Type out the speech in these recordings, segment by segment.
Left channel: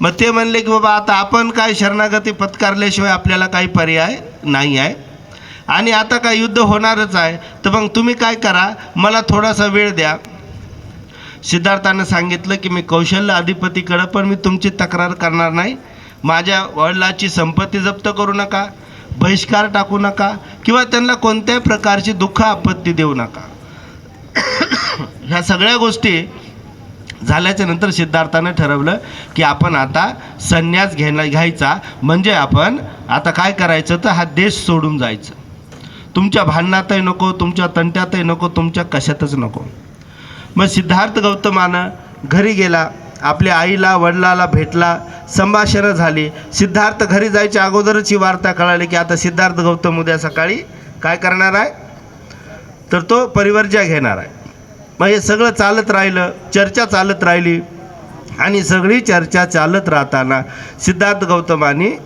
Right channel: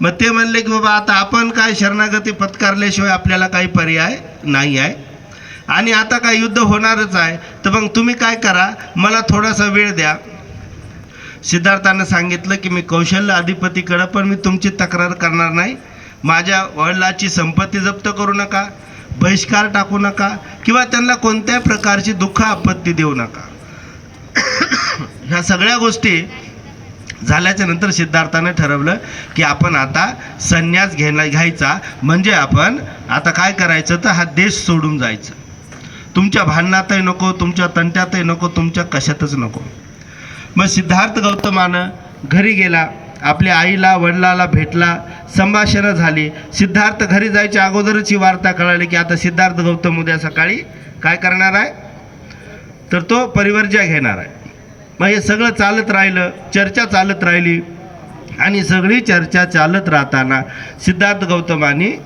मग ते म्हणले की बाबा आता आपण काय शरणागती पत्कारल्याशिवाय आपल्याला काही पर्याय नाही आहे आणि आता काय युद्ध होणारच आहे, तर मग तुम्ही काय करा, मला थोडासा वेळ द्या. सिद्धार्थानं सांगितलं की मी कौशल्य अधिपतीकडं पण मी तुमची तक्रार करणार नाही, माझ्या वडिलाची संपत्ती जप्त करू नका, बहिष्कार टाकू नका किंवा त्यांना कोणत्याही प्रकारची दुःख आपत्ती देऊ नका. ह्या सगळ्या गोष्टी झाल्याच्या नंतर सिद्धार्थानं ठरवलं की आपण आता संन्यास घ्यायचा, म्हणजे आपण आता काय करायचं तर हा देश सोडून जायचं. तुमच्या भांडणातही नको, तुमच्या तंट्यातही नको, तुमच्या कशातच नको. मग सिद्धार्थ गौतमानं घरी गेला, आपल्या आईला वडिलाला भेटला, संभाषणं झाली. सिद्धार्थ घरी जायच्या अगोदरच ही वार्ता कळाली की आता सिद्धार्थ गौतम उद्या सकाळी काय करणार आहे तर तो परिवर्ज्या घेणार आहे. मग हे सगळं चालत राहिलं, चर्चा चालत राहिली आणि सगळी चर्चा चालत राहताना सिद्धार्थ गौतमाने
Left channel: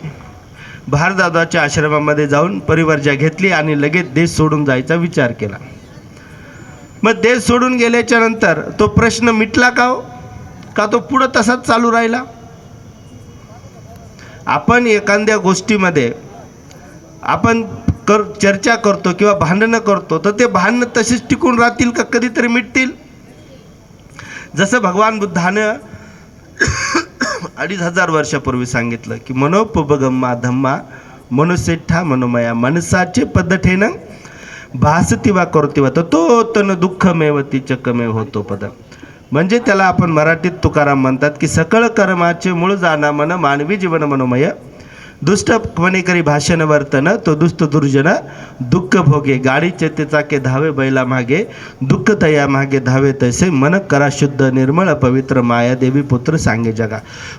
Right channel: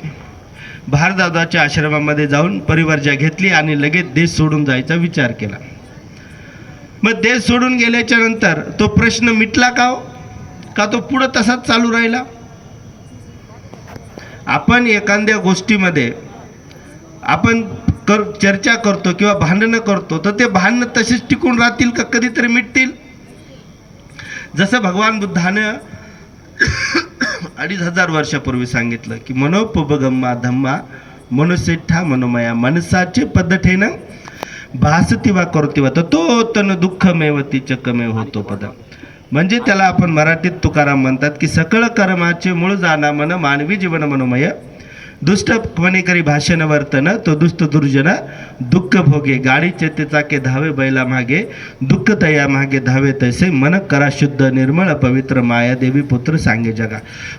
भारद्वाजाच्या आश्रमामध्ये जाऊन परिवर्ज्या घेतली आणि लगेच देश सोडून जायचा विचार केला. मग देश सोडून गेल्याच्या नंतर तो प्रश्न मिटला का हो, का तो पुढं तसाच चालू राहिला? आपण एखाद्या गोष्टीमध्ये आपण चर्चा करतो किंवा भांडणं करतो तर ते भांडणं तसेच टिकून राहतील का कधीतरी मिटतील? जसं भगवान बुद्धानं 2500 वर्षापूर्वी सांगितलं की मनोपगम्मा धम्मा मनुष्यठा मनोमया, मनसाचे पद्धतीनं भासती वा करती वा तो तन दुःखमेवती चकमे होतो पद. म्हणजे त्याला आपण मराठीत तुकाराम म्हणतात की सकळ कर्माचे मूळ जाणा मन मानवी जीवन मनोमय, दुष्टपणे करी भाषण वर्तन तो दुष्ट दुर्जन दुःख भोगे, गाडी चाके धावे बैला मागे दुःख तया मागे धावे तैसे मन करा शुद्ध निर्मळ पवित्र माया देवी पुत्र सांगे जगा.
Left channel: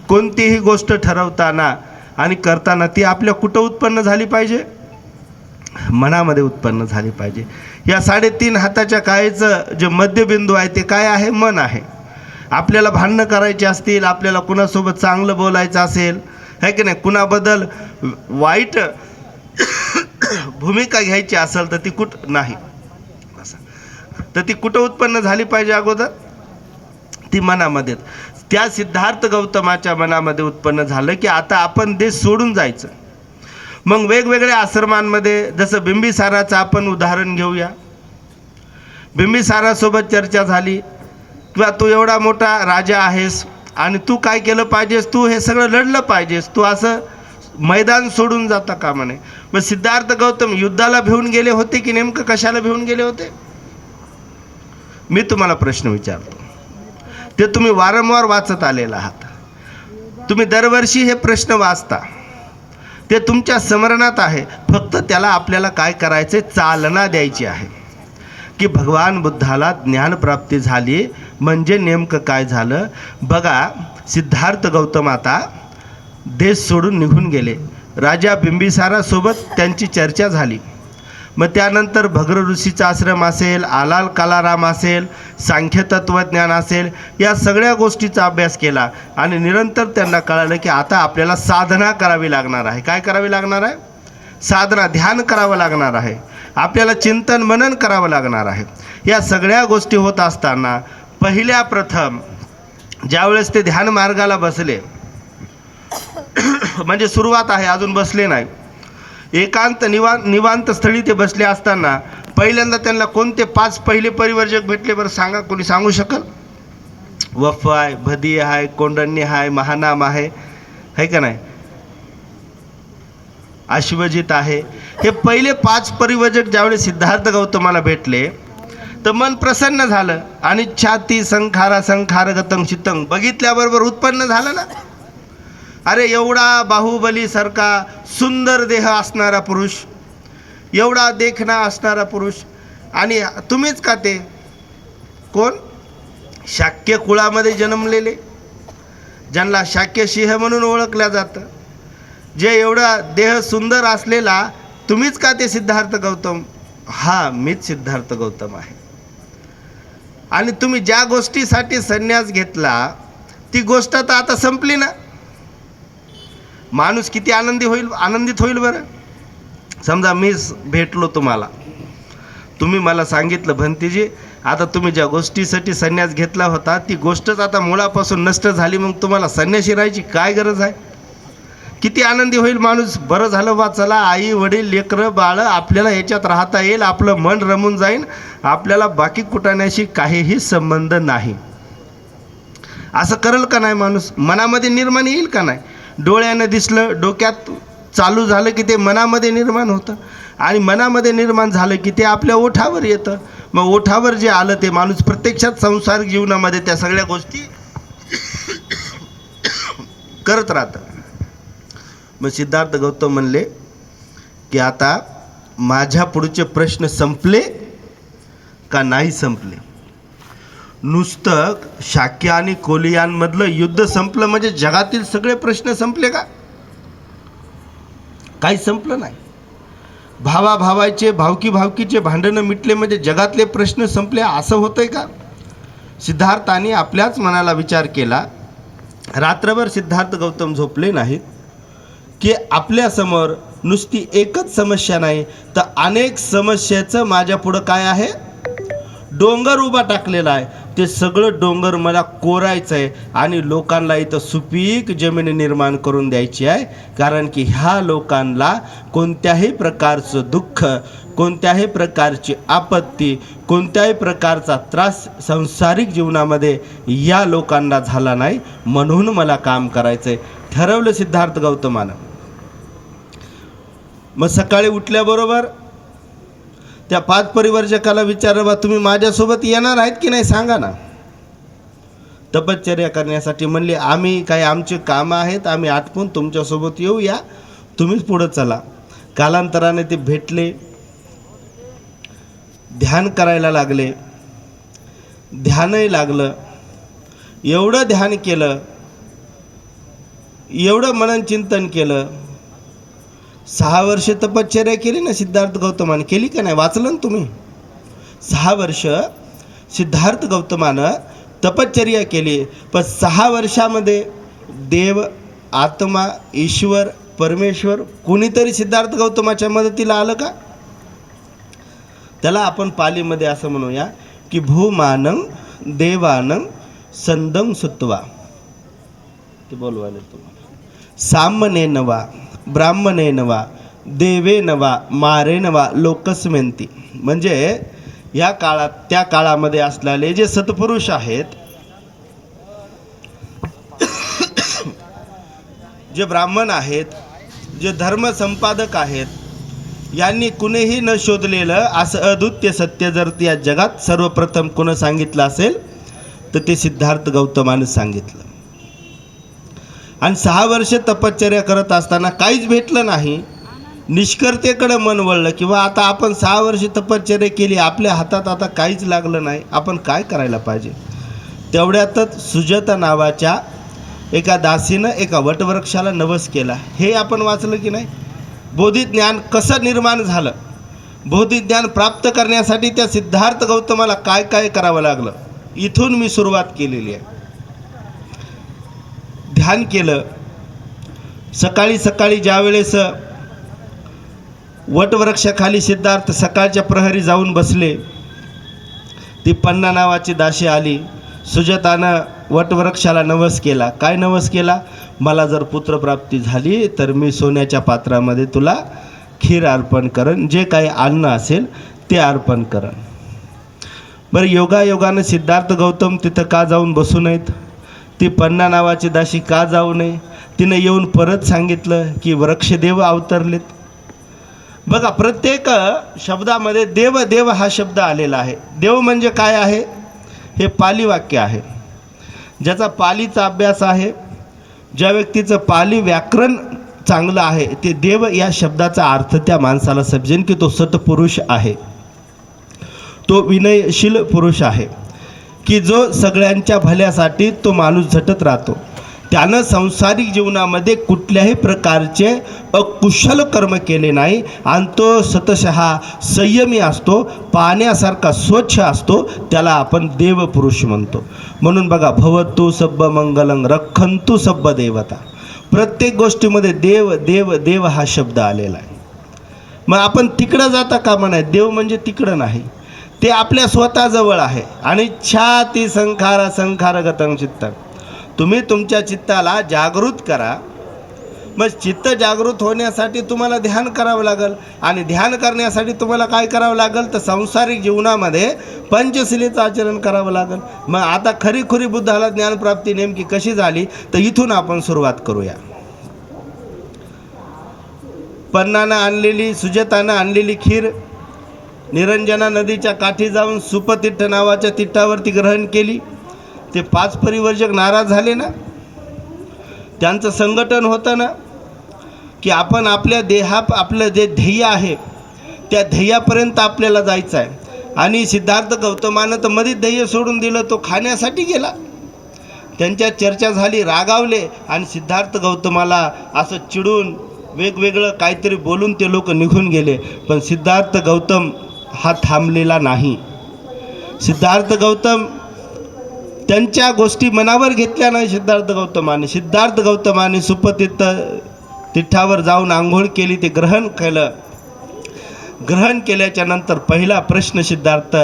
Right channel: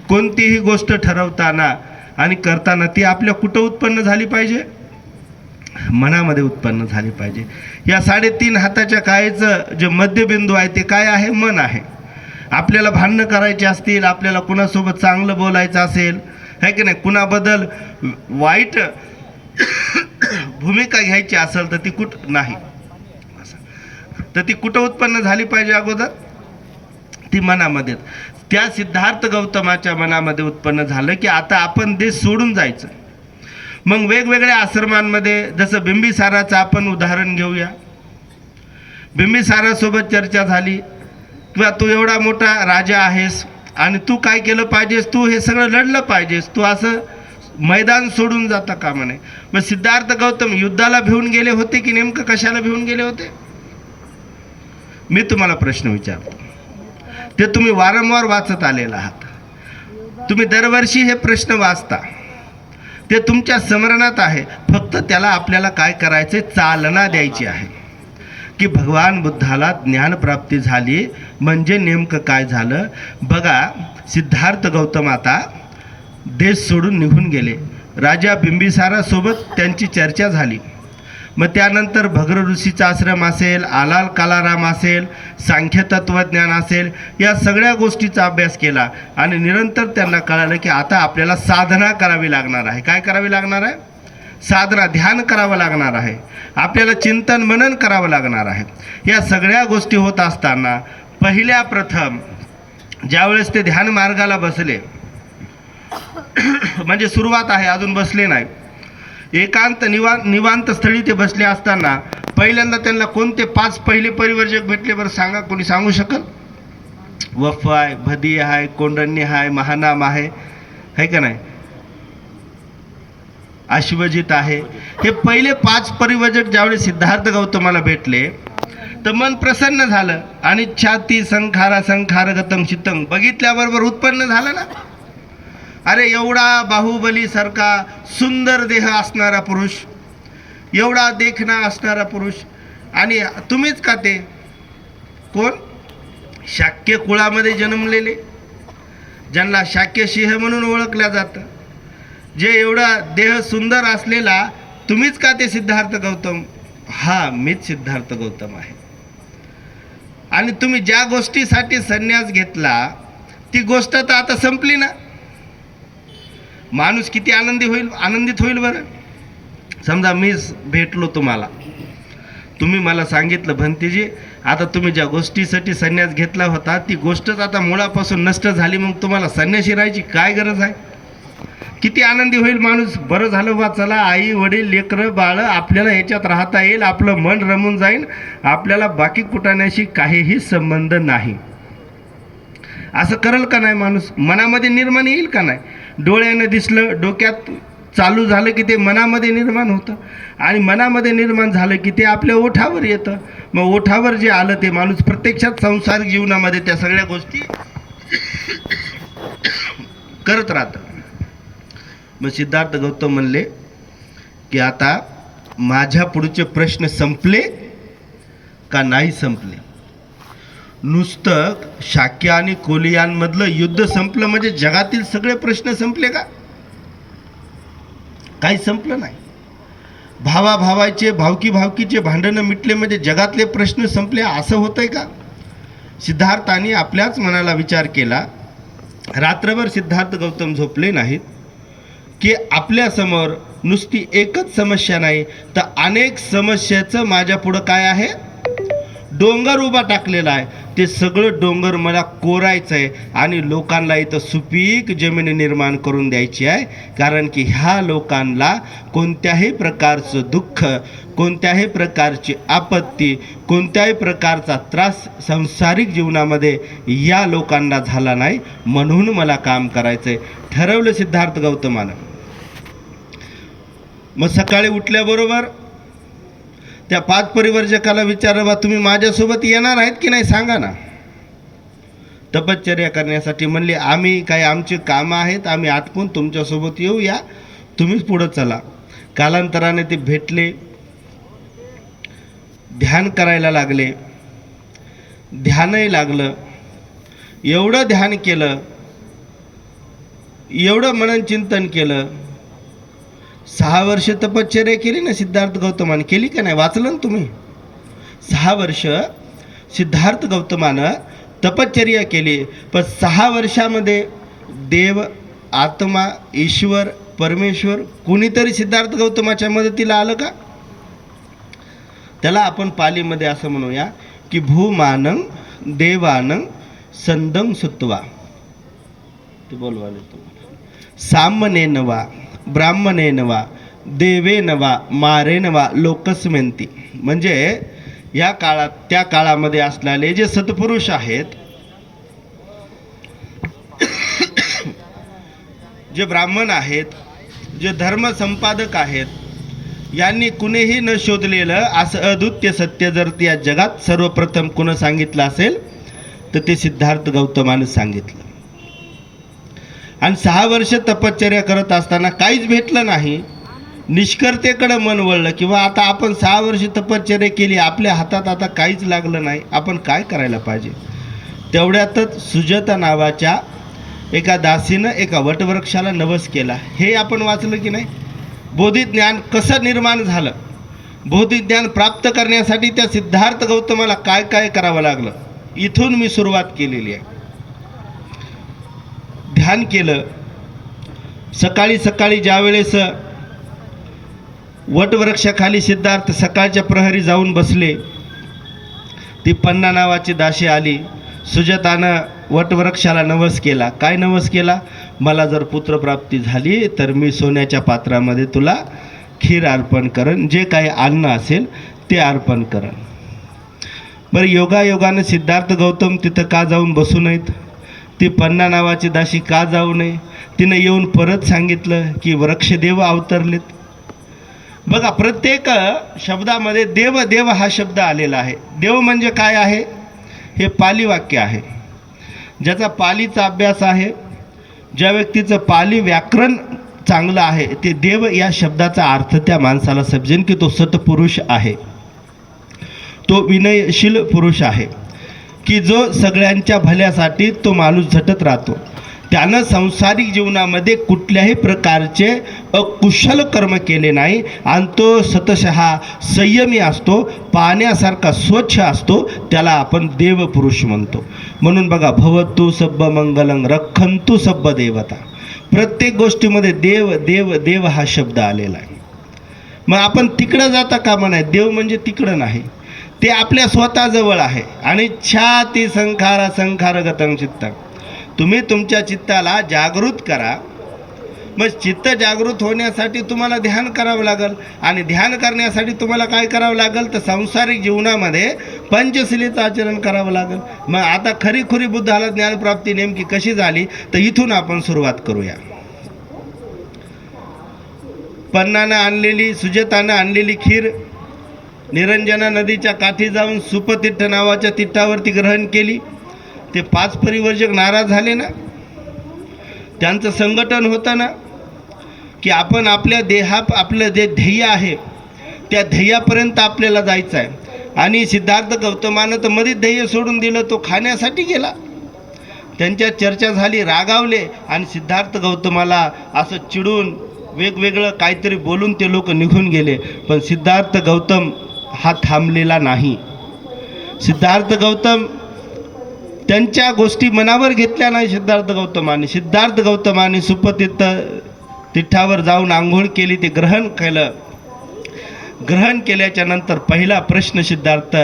कोणतीही गोष्ट ठरवताना आणि करताना ती आपल्या कुठं उत्पन्न झाली पाहिजे? मनामध्ये उत्पन्न झाली पाहिजे. या 3.5 हाताच्या कायेचं जे मध्यबिंदू आहे ते काय आहे? मन आहे. आपल्याला भांडणं करायची असतील, आपल्याला कुणासोबत चांगलं बोलायचं असेल है की नाही, कुणाबद्दल वाईट भूमिका घ्यायची असेल तर ती नाही तर ती कुठं उत्पन्न झाली पाहिजे अगोदर? ती मनामध्ये. त्या सिद्धार्थ गौतमाच्या मनामध्ये उत्पन्न झालं की आता आपण देश सोडून जायचं. मग वेगवेगळ्या आश्रमांमध्ये जसं बिंबिसाराचं आपण उदाहरण घेऊया. बिंबिसारासोबत चर्चा झाली किंवा तू एवढा मोठा राजा आहेस आणि तू काय केलं पाहिजेस, तू हे सगळं लढलं पाहिजेस, तू असं मैदान सोडून जाता का म्हणे. मग सिद्धार्थ गौतम युद्धाला भिवून गेले होते की नेमकं कशाला भिवून गेले होते? मी तुम्हाला प्रश्न विचारतो, ते तुम्ही वारंवार वाचत आलेला आहात, तुम्ही दरवर्षी हे प्रश्न वाचता, ते तुमच्या स्मरणात आहे. फक्त त्याला आपल्याला काय करायचे? चालना द्यायची आहे की भगवान बुद्धाला ज्ञानप्राप्ती झाली म्हणजे नेमकं काय झालं. बघा, सिद्धार्थ गौतम आता देश सोडून निघून गेले. राजा बिंबिसारासोबत त्यांची चर्चा झाली. मग त्यानंतर भग्र ऋषीचा आश्रम असेल, आलाल कालाराम असेल, सांख्य तत्वज्ञान असेल, या सगळ्या गोष्टीचा अभ्यास केला आणि निरंतर त्यांना कळालं की आता आपल्याला साधना करावी लागणार आहे. काय करावी लागणार आहे? साधना, ध्यान करावं लागणार आहे. आपल्याला चिंतन मनन करावं लागणार आहे. या सगळ्या गोष्टी होत असताना पहिल्या प्रथम ज्यावेळेस ते ध्यान मार्गाला बसले म्हणजे सुरुवात आहे, अजून बसले नाही, एकांत निवांत स्थळी ते बसले असताना पहिल्यांदा त्यांना कोणते 5 पहिले परिवर्जक भेटले बरं सांगा? कोणी सांगू शकेल? वफ आहे, भदी आहे, कोंडण्य आहे, महानाम आहे का नाही, अश्वजित आहे. हे पहिले 5 परिवर्जक ज्यावेळेस सिद्धार्थ गौतमाला भेटले तर मन प्रसन्न झालं आणि छाती संखारा संखारगतं चित्तं बघितल्याबरोबर उत्पन्न झालं ना. अरे एवढा बाहुबली सारखा सुंदर देह असणारा पुरुष, एवढा देखणा असणारा पुरुष, आणि तुम्हीच का ते? कोण? शाक्य कुळामध्ये जन्मलेले, ज्यांना शाक्य सिंह म्हणून ओळखल्या जातं, जे एवढा देह सुंदर असलेला तुम्हीच का ते सिद्धार्थ गौतम? हा, मीच सिद्धार्थ गौतम आहे. आणि तुम्ही ज्या गोष्टीसाठी संन्यास घेतला ती गोष्ट तर आता संपली ना. माणूस किती आनंदित होईल बरं. समजा मी भेटलो तुम्हाला, तुम्ही मला सांगितलं भंतीजी आता तुम्ही ज्या गोष्टीसाठी संन्यास घेतला होता ती गोष्टच आता मुळापासून नष्ट झाली, मग तुम्हाला संन्यासी राहायची काय गरज आहे? किती आनंदी होईल माणूस, बरं झालं बा, चला आई वडील लेकरं बाळ आपल्याला याच्यात राहता येईल, आपलं मन रमून जाईल, आपल्याला बाकी कुटाण्याशी काहीही संबंध नाही. असं करेल का नाही माणूस? मनामध्ये निर्माण येईल का नाही? डोळ्याने दिसलं, डोक्यात चालू झालं की ते मनामध्ये निर्माण होतं, आणि मनामध्ये निर्माण झालं की ते आपल्या ओठावर येतं. मग ओठावर जे आलं ते माणूस प्रत्यक्षात संसारिक जीवनामध्ये त्या सगळ्या गोष्टी करत राहतं. मग सिद्धार्थ गौतम म्हणले की आता माझ्या पुढचे प्रश्न संपले का नाही संपले? नुसतं शाक्य आणि कोलियांमधलं युद्ध संपलं म्हणजे जगातील सगळे प्रश्न संपले का? काही संपलं नाही. भावाभावाचे भावकी भावकीचे भांडणं मिटले म्हणजे जगातले प्रश्न संपले असं होतंय का? सिद्धार्थाने आपल्याच मनाला विचार केला. रात्रभर सिद्धार्थ गौतम झोपले नाहीत की आपल्यासमोर नुसती एकच समस्या नाही तर अनेक समस्याचं माझ्या पुढं काय आहे? डोंगर उभा टाकलेला आहे. ते सगळं डोंगर मला कोरायचं आहे आणि लोकांना इथं सुपीक जमीन निर्माण करून द्यायची आहे. कारण की ह्या लोकांना कोणत्याही प्रकारचं दुःख, कोणत्याही प्रकारची आपत्ती, कोणत्याही प्रकारचा त्रास संसारिक जीवनामध्ये या लोकांना झाला नाही, म्हणून मला काम करायचं आहे, ठरवलं सिद्धार्थ गौतमानं. मग सकाळी उठल्याबरोबर त्या 5 परिवर्जकाला विचारलं, बा तुम्ही माझ्यासोबत येणार आहेत की नाही सांगा ना. तपश्चर्या करण्यासाठी म्हणले, आम्ही काय आमचे कामं आहेत, आम्ही आटपून तुमच्यासोबत येऊ, या तुम्हीच पुढं चला. कालांतराने ते भेटले, ध्यान करायला लागले. ध्यानही लागलं. एवढं ध्यान केलं, एवढं मनन चिंतन केलं. 6 वर्ष तपश्चर्या केली ना सिद्धार्थ गौतमाने, केली का नाही? वाचलं ना तुम्ही? 6 वर्ष सिद्धार्थ गौतमानं तपश्चर्या केली. पण 6 वर्षामध्ये देव, आत्मा, ईश्वर, परमेश्वर कुणीतरी सिद्धार्थ गौतमाच्या मदतीला आलं का? त्याला आपण पालीमध्ये असं म्हणूया की भूमानं देवानं संदं सुत्वा. ते बोलवाले तुम्हाला सामने नवा ब्राह्मणे नवा देवे नवा मारे नवा लोकस्मेंती. म्हणजे या काळात, त्या काळामध्ये असलेले जे सत्पुरुष आहेत, जे ब्राह्मण आहेत, जे धर्म संपादक आहेत, यांनी कुणीही न शोधलेलं असं अद्वितीय सत्य जर या जगात सर्वप्रथम कोण सांगितलं असेल तर ते सिद्धार्थ गौतमानं सांगितलं. आणि 6 वर्ष तपश्चर्या करत असताना काहीच भेटलं नाही, निष्कर्तेकडे मन वळलं किंवा आता आपण 6 वर्ष तपश्चर्या केली, आपल्या हातात आता काहीच लागलं नाही, आपण काय करायला पाहिजे? तेवढ्यातच सुजाता नावाच्या एका दासीनं एका वटवृक्षाला नवस केला. हे आपण वाचलं की नाही? बोधिज्ञान कसं निर्माण झालं, बोधिज्ञान प्राप्त करण्यासाठी त्या सिद्धार्थ गौतमाला काय काय करावं लागलं, इथून मी सुरुवात केलेली आहे. ध्यान केलं. सकाळी सकाळी ज्यावेळेस वटवृक्षाखाली सिद्धार्थ सकाळच्या प्रहरी जाऊन बसले, ती पन्ना नावाची दासी आली. सुजातानं वटवृक्षाला नवस केला. काय नवस केला? मला जर पुत्रप्राप्ती झाली तर मी सोन्याच्या पात्रामध्ये तुला खीर अर्पण करन, जे काही अन्न असेल ते अर्पण करन. बरं, योगायोगानं सिद्धार्थ गौतम तिथं का जाऊन बसू नयेत? ती पन्ना नावाची दासी का जाऊ नये? तिनं येऊन परत सांगितलं की वृक्षदेव अवतरलेत. बघा, प्रत्येक शब्दामध्ये देव देव हा शब्द आलेला आहे. देव म्हणजे काय आहे? हे पाली वाक्य आहे. ज्याचा पालीचा अभ्यास आहे, ज्या व्यक्तीचं पाली व्याकरण चांगलं आहे, ते देव या शब्दाचा अर्थ त्या माणसाला समजेल की तो सत्पुरुष आहे, तो विनयशील पुरुष आहे, की जो सगळ्यांच्या भल्यासाठी तो माणूस झटत राहतो. त्यानं सांसारिक जीवनामध्ये कुठल्याही प्रकारचे अकुशल कर्म केले नाही आणि तो स्वतः संयमी असतो, पाण्यासारखा स्वच्छ असतो, त्याला आपण देवपुरुष म्हणतो. म्हणून बघा, भवतु सब्ब मंगलं रक्षन्तु सब्ब देवता. प्रत्येक गोष्टीमध्ये देव देव देव हा शब्द आलेला आहे. मग आपण तिकडं जाता कामा नाही. देव म्हणजे तिकडं नाही, ते आपल्या स्वतःजवळ आहे. आणि छाती संखार संखारगतं चित्त. तुम्ही तुमच्या चित्ताला जागृत करा. मग चित्त जागृत होण्यासाठी तुम्हाला ध्यान करावं लागेल. आणि ध्यान करण्यासाठी तुम्हाला काय करावं लागेल तर सांसारिक जीवनामध्ये पंचशिलेचं आचरण करावं लागेल. मग आता खरी बुद्धाला ज्ञानप्राप्ती नेमकी कशी झाली तर इथून आपण सुरुवात करूया. पन्नानं आणलेली, सुजातानं आणलेली खीर निरंजना नदीच्या काठी जाऊन सुपतीर्थ नावाच्या तिट्टावरती ग्रहण केली. ते 5 परिवर्जक नाराज झाले ना. त्यांचं संघटन होतं ना की आपण आपल्या आपलं जे ध्येय आहे त्या ध्येयापर्यंत आपल्याला जायचं आहे. आणि सिद्धार्थ गौतमानं तर मध्येच ध्येय सोडून दिलं, तो खाण्यासाठी गेला. त्यांच्या चर्चा झाली, रागावले आणि सिद्धार्थ गौतमाला असं चिडून वेगवेगळं काहीतरी बोलून ते लोक निघून गेले. पण सिद्धार्थ गौतम हा थांबलेला नाही. सिद्धार्थ गौतम त्यांच्या गोष्टी मनावर घेतल्या नाही. सिद्धार्थ गौतमाने सुपतीर्थ तिठावर जाऊन आंघोळ केली, ते ग्रहण केलं. ग्रहण केल्याच्या नंतर पहिला प्रश्न सिद्धार्थ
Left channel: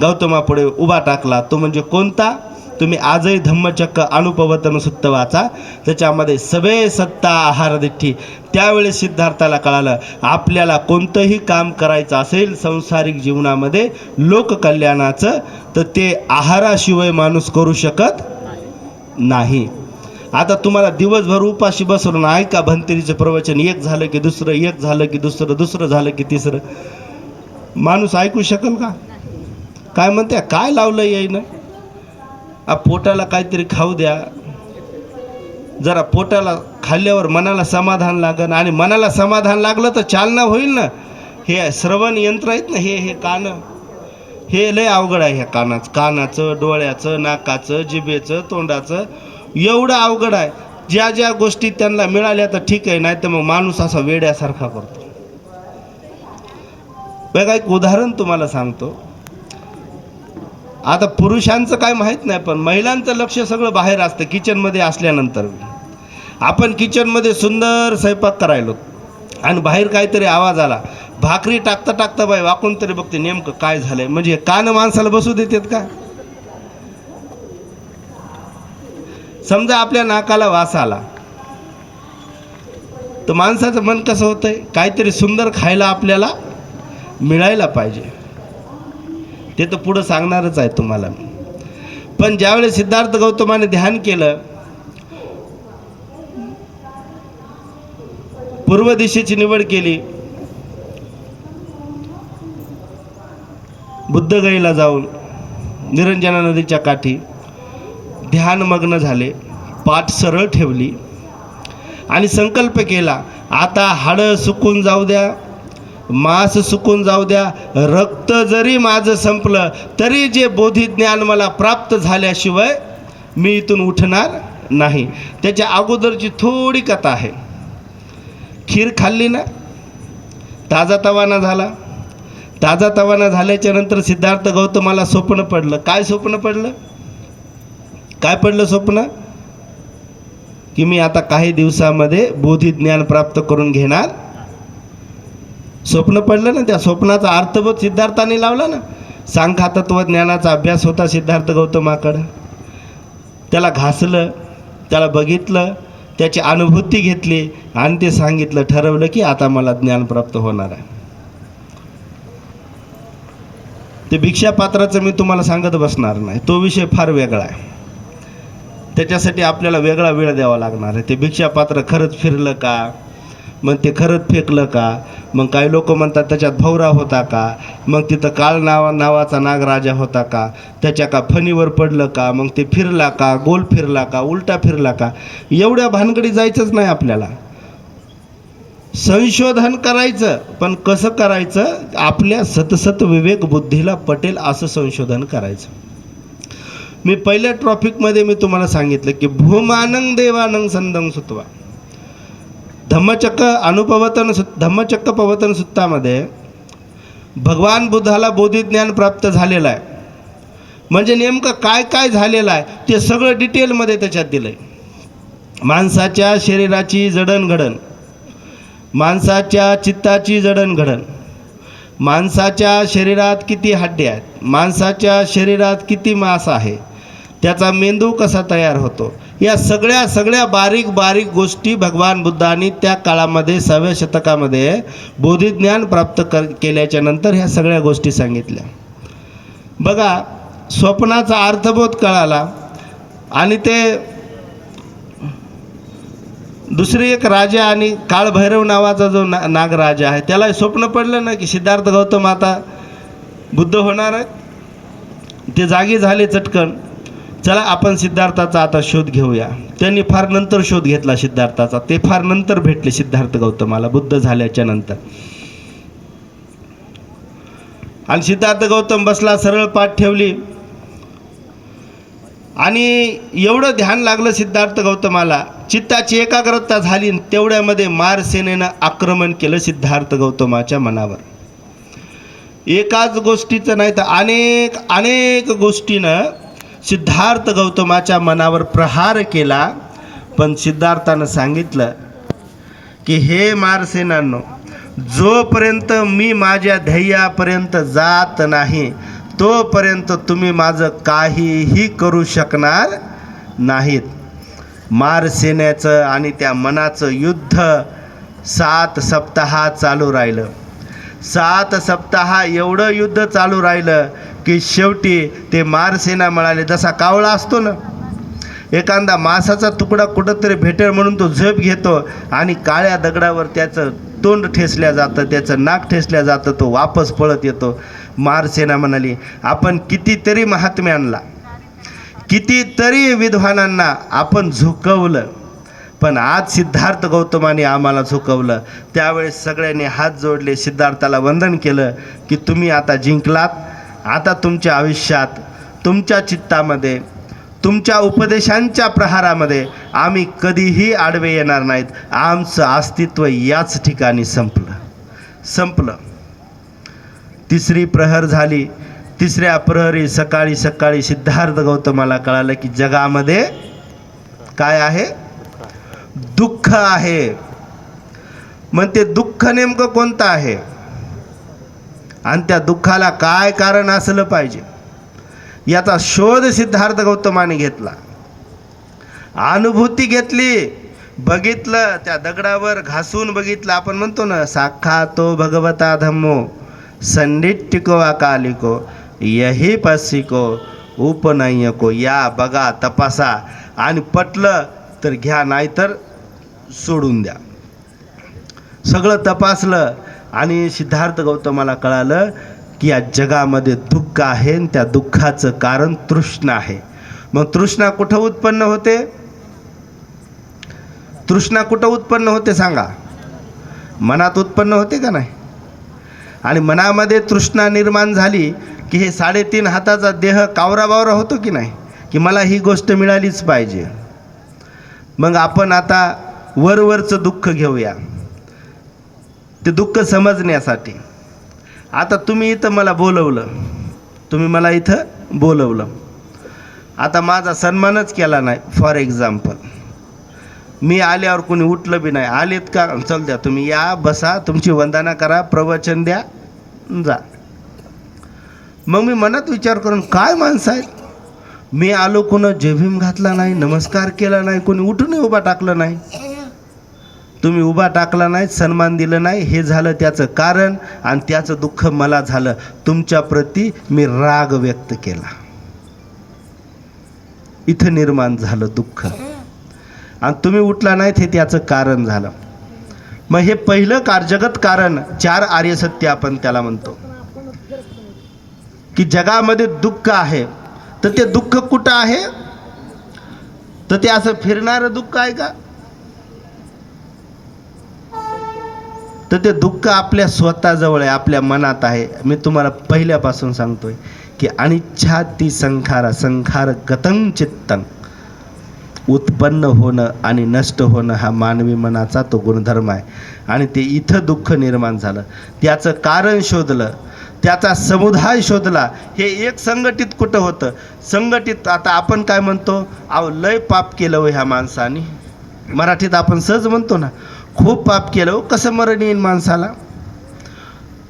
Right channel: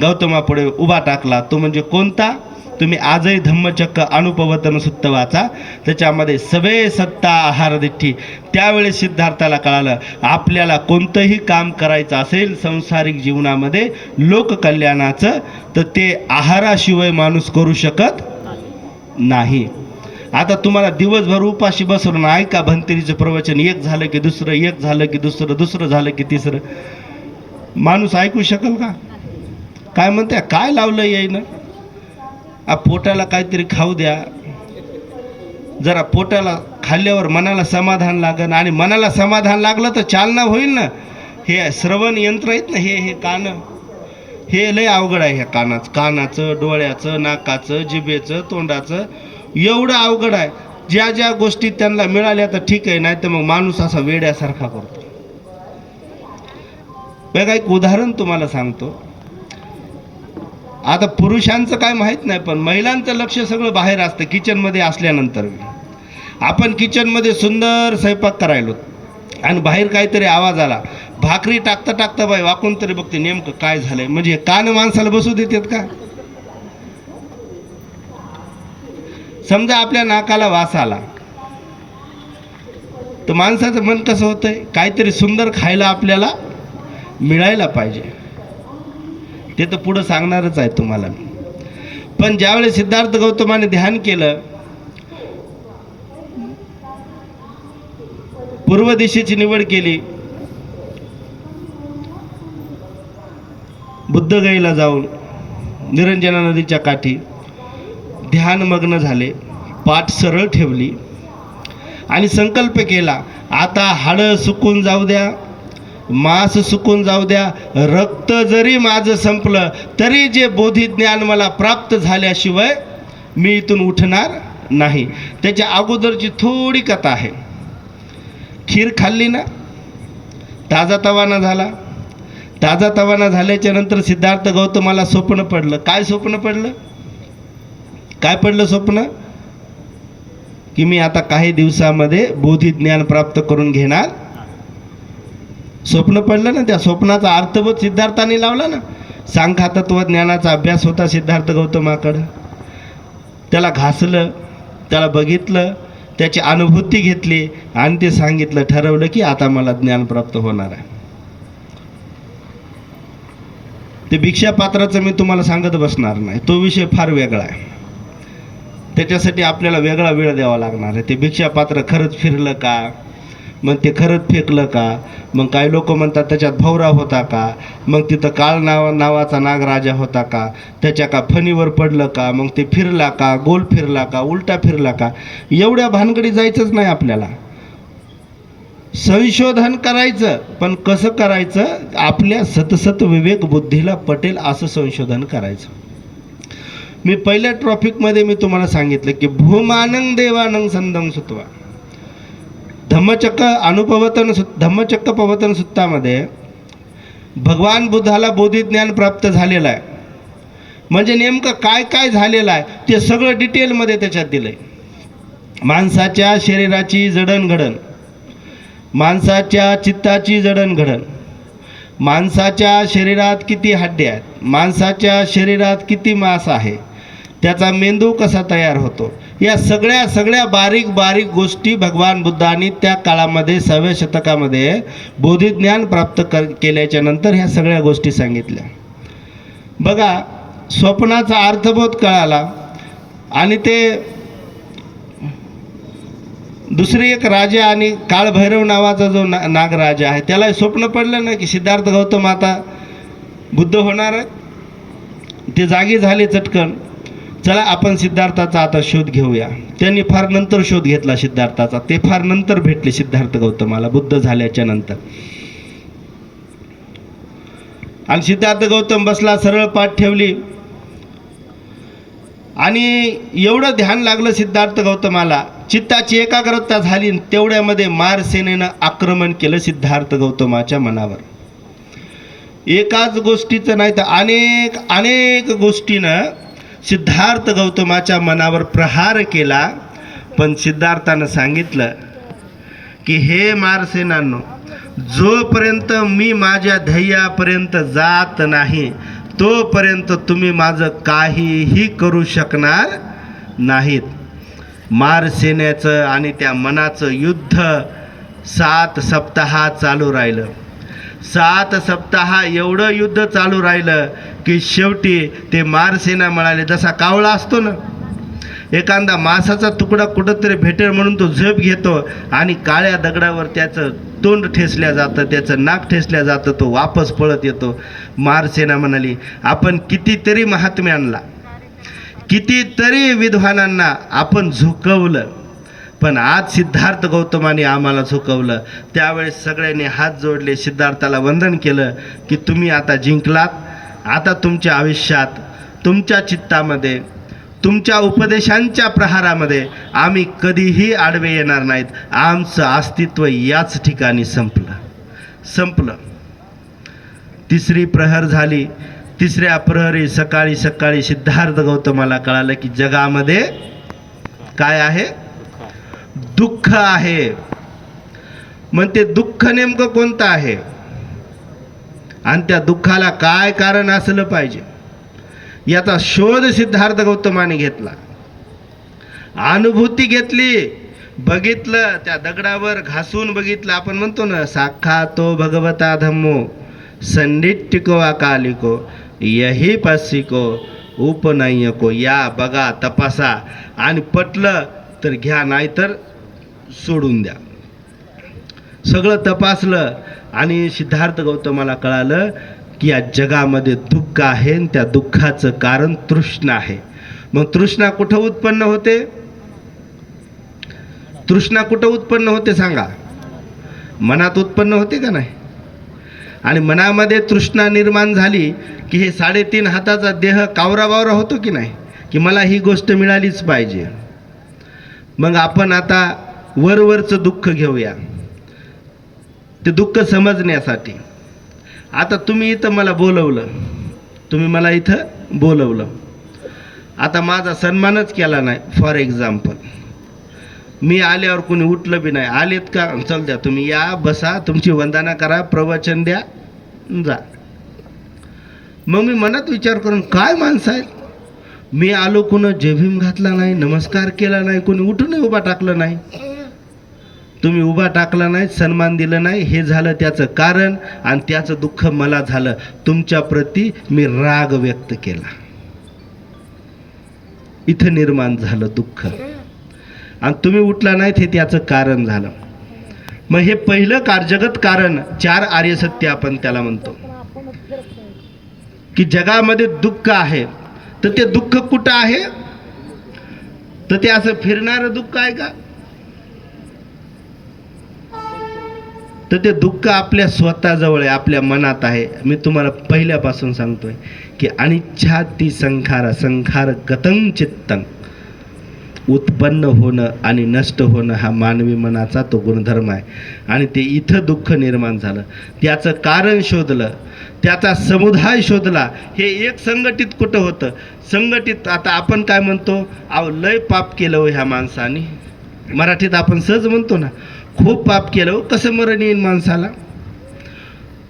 गौतमापुढे उभा टाकला, तो म्हणजे कोणता? तुम्ही आजही धम्मचक्र अनुपवतन सुत्त वाचा, त्याच्यामध्ये सवे सत्ता आहार दिठ्ठी. त्यावेळेस सिद्धार्थाला कळालं आपल्याला कोणतंही काम करायचं असेल संसारिक जीवनामध्ये लोककल्याणाचं तर ते आहाराशिवाय माणूस करू शकत नाही. आता तुम्हाला दिवसभर उपाशी बसवून ऐका भंतेरीचं प्रवचन, एक झालं की दुसरं, एक झालं की दुसरं, दुसरं झालं की तिसरं, माणूस ऐकू शकेल का? काय म्हणते, काय लावलं येईन? पोटाला काहीतरी खाऊ द्या, जरा पोटाला खाल्ल्यावर मनाला समाधान लागन, आणि मनाला समाधान लागलं तर चालना होईल ना. हे श्रवण यंत्र आहेत ना, हे कान, हे लय अवघड आहे. ह्या कानाचं, डोळ्याचं, नाकाचं, जिभेचं, तोंडाचं एवढं अवघड आहे. ज्या ज्या गोष्टी त्यांना मिळाल्या तर ठीक आहे, नाही तर मग माणूस असा वेड्यासारखा करतो. बघा एक उदाहरण तुम्हाला सांगतो. आता पुरुषांचं काय माहीत नाही, पण महिलांचं लक्ष सगळं बाहेर असतं. किचनमध्ये असल्यानंतर आपण किचनमध्ये सुंदर स्वयंपाक करायलो आणि बाहेर काहीतरी आवाज आला, भाकरी टाकता टाकता बाई वाकून तरी बघते नेमकं काय झालंय. म्हणजे कान माणसाला बसू देतात का? समजा आपल्या नाकाला वास आला तर माणसाचं मन कसं होतंय, काहीतरी सुंदर खायला आपल्याला मिळायला पाहिजे. ते तर पुढं सांगणारच आहे तुम्हाला. पण ज्यावेळेस सिद्धार्थ गौतमाने ध्यान केलं, पूर्व दिशेची निवड केली, बुद्धगयेला जाऊन निरंजना नदीच्या काठी ध्यानमग्न झाले, पाठ सरळ ठेवली आणि संकल्प केला, आता हाडं सुकून जाऊ द्या, मांस सुकून जाऊ द्या, रक्त जरी माझं संपलं तरी जे बोधिज्ञान मला प्राप्त झाल्याशिवाय मी इथून उठणार नाही. त्याच्या अगोदरची थोडी कथा आहे. खीर खाल्ली ना, ताजा तवाना झाला. ताजा तवाना झाल्याच्या नंतर सिद्धार्थ गौतमाला स्वप्न पडलं. काय स्वप्न पडलं? काय पडलं स्वप्न? की मी आता काही दिवसामध्ये बोधिज्ञान प्राप्त करून घेणार. स्वप्न पडलं ना. त्या स्वप्नाचा अर्थबोध सिद्धार्थाने लावला ना. सांख्य तत्वज्ञानाचा अभ्यास होता सिद्धार्थ गौतमाकडं. त्याला घासलं, त्याला बघितलं, त्याची अनुभूती घेतली आणि ते सांगितलं, ठरवलं की आता मला ज्ञान प्राप्त होणार आहे. ते भिक्षापात्राचं मी तुम्हाला सांगत बसणार नाही, तो विषय फार वेगळा आहे. त्याच्यासाठी आपल्याला वेगळा वेळ द्यावा लागणार आहे. ते भिक्षापात्र खरंच फिरलं का, मग ते खरंच फेकलं का, मग काही लोक म्हणतात त्याच्यात भवरा होता का, मग तिथं काळ नावाचा नागराजा होता का, त्याच्या का फणीवर पडलं का, मग ते फिरला का, गोल फिरला का, उलटा फिरला का, एवढ्या भानगडी जायचंच नाही आपल्याला. संशोधन करायचं, पण कसं करायचं? आपल्या सतसत विवेक बुद्धीला पटेल असं संशोधन करायचं. मी पहिल्या टॉपिकमध्ये मी तुम्हाला सांगितलं की भूमानं देवानं संदं सुत्वा. धम्मचक्र पवतन सुत्तामध्ये भगवान बुद्धाला बोधिज्ञान प्राप्त झालेलं आहे. म्हणजे नेमकं काय काय झालेलं आहे ते सगळं डिटेलमध्ये त्याच्यात दिलं आहे. माणसाच्या शरीराची जडणघडण, माणसाच्या चित्ताची जडणघडण, माणसाच्या शरीरात किती हाड्या आहेत, माणसाच्या शरीरात किती मांस आहे, त्याचा मेंदू कसा तयार होतो, या सगळ्या बारीक बारीक गोष्टी भगवान बुद्धांनी त्या काळामध्ये 6व्या शतकामध्ये बोधिज्ञान प्राप्त केल्याच्या नंतर ह्या सगळ्या गोष्टी सांगितल्या. बघा, स्वप्नाचा अर्थबोध कळाला. आणि ते दुसरी एक राजा आणि काळभैरव नावाचा जो नागराजा आहे, त्याला स्वप्न पडलं ना की सिद्धार्थ गौतम आता बुद्ध होणार आहे. ते जागी झाले चटकन, चला आपण सिद्धार्थाचा आता शोध घेऊया. त्यांनी फार नंतर शोध घेतला सिद्धार्थाचा, ते फार नंतर भेटले सिद्धार्थ गौतमाला बुद्ध झाल्याच्या नंतर. आणि सिद्धार्थ गौतम बसला, सरळ पाठ ठेवली आणि एवढं ध्यान लागलं सिद्धार्थ गौतमाला, चित्ताची एकाग्रता झाली. तेवढ्यामध्ये मार सेनेनं आक्रमण केलं सिद्धार्थ गौतमाच्या मनावर. एकाच गोष्टीचं नाही तर अनेक अनेक गोष्टीनं सिद्धार्थ गौतमाच्या मनावर प्रहार केला. पण सिद्धार्थानं सांगितलं की हे मारसेनांनो, जोपर्यंत मी माझ्या ध्येयापर्यंत जात नाही तोपर्यंत तुम्ही माझं काहीही करू शकणार नाहीत. मारसेनेचं आणि त्या मनाचं युद्ध 7 सप्ताह चालू राहिलं. 7 सप्ताह एवढं युद्ध चालू राहिलं की शेवटी ते मारसेना म्हणाले, जसा कावळा असतो ना, एखादा मांसाचा तुकडा कुठंतरी भेटेल म्हणून तो झेप घेतो आणि काळ्या दगडावर त्याचं तोंड ठेसल्या जातं, त्याचं नाक ठेसल्या जातं, तो वापस पळत येतो. मारसेना म्हणाली, आपण कितीतरी महात्म्यांना, कितीतरी विद्वानांना आपण झुकवलं, पण आज सिद्धार्थ गौतमाने आम्हाला झुकवलं. त्यावेळेस सगळ्यांनी हात जोडले, सिद्धार्थाला वंदन केलं की तुम्ही आता जिंकलात. आता तुमच्या आयुष्यात, तुमच्या चित्तामध्ये, तुमच्या उपदेशांच्या प्रहारामध्ये आम्ही कधीही आडवे येणार नाहीत. आमचं अस्तित्व याच ठिकाणी संपलं. तिसरी प्रहर झाली. तिसऱ्या प्रहरी सकाळी सकाळी सिद्धार्थ गौतमाला कळालं की जगामध्ये काय आहे? दुःख आहे. मग ते दुःख नेमकं कोणतं आहे आणि त्या दुःखाला काय कारण असलं पाहिजे याचा शोध सिद्धार्थ गौतमाने घेतला. अनुभूती घेतली, बघितलं, त्या दगडावर घासून बघितलं. आपण म्हणतो ना, साक्षातो भगवता धम्मो संडिट्टिको अकालिको यही पस्सिको उपनय्यको. या बघा, तपासा, आणि पटलं तर घ्या, नाहीतर सोडून द्या. सगळं तपासलं आणि सिद्धार्थ गौतमाला कळालं की या जगामध्ये दुःख आहे आणि त्या दुःखाचं कारण तृष्णा आहे. मग तृष्णा कुठं उत्पन्न होते? तृष्णा कुठं उत्पन्न होते सांगा? मनात उत्पन्न होते का नाही? आणि मनामध्ये तृष्णा निर्माण झाली की हे 3.5 हाताचा देह कावराबावरा होतो की नाही, की मला ही गोष्ट मिळालीच पाहिजे. मग आपण आता वरवरचं दुःख घेऊया, ते दुःख समजण्यासाठी. आता तुम्ही इथं मला बोलवलं, तुम्ही मला इथं बोलवलं, आता माझा सन्मानच केला नाही. फॉर एक्झाम्पल, मी आल्यावर कोणी उठलं बी नाही, आलेत का, चल द्या, तुम्ही या, बसा, तुमची वंदना करा, प्रवचन द्या, जा. मग मी मनात विचार करून, काय माणसं आहेत, मी आलो, कोणी जयभीम घातला नाही, नमस्कार केला नाही, कोणी उठून उभा टाकलं नाही. तुम्ही उभा टाकला नाही, सन्मान दिलं नाही, हे झालं त्याचं कारण. आणि त्याचं दुःख मला झालं. तुमच्या प्रती मी राग व्यक्त केला, इथं निर्माण झालं दुःख. आणि तुम्ही उठला नाहीत, हे त्याचं कारण झालं. मग हे पहिलं जगत कारण, 4 आर्य सत्य आपण त्याला म्हणतो. की जगामध्ये दुःख आहे, तर ते दुःख कुठं आहे? तर ते असं फिरणारं दुःख आहे का? तर ते दुःख आपल्या स्वतःजवळ आहे, आपल्या मनात आहे. मी तुम्हाला पहिल्यापासून सांगतोय की अनिच्छाती संखार संखार गतं चित्तं. उत्पन्न होणं आणि नष्ट होणं हा मानवी मनाचा तो गुणधर्म आहे. आणि ते इथं दुःख निर्माण झालं, त्याचं कारण शोधलं, त्याचा समुदाय शोधला. हे एक संघटित कुठं होतं? संघटित आता आपण काय म्हणतो, अहो लय पाप केलं हो ह्या माणसाने. मराठीत आपण सहज म्हणतो ना, खूप पाप केलं हो, कसं मरण येईल माणसाला.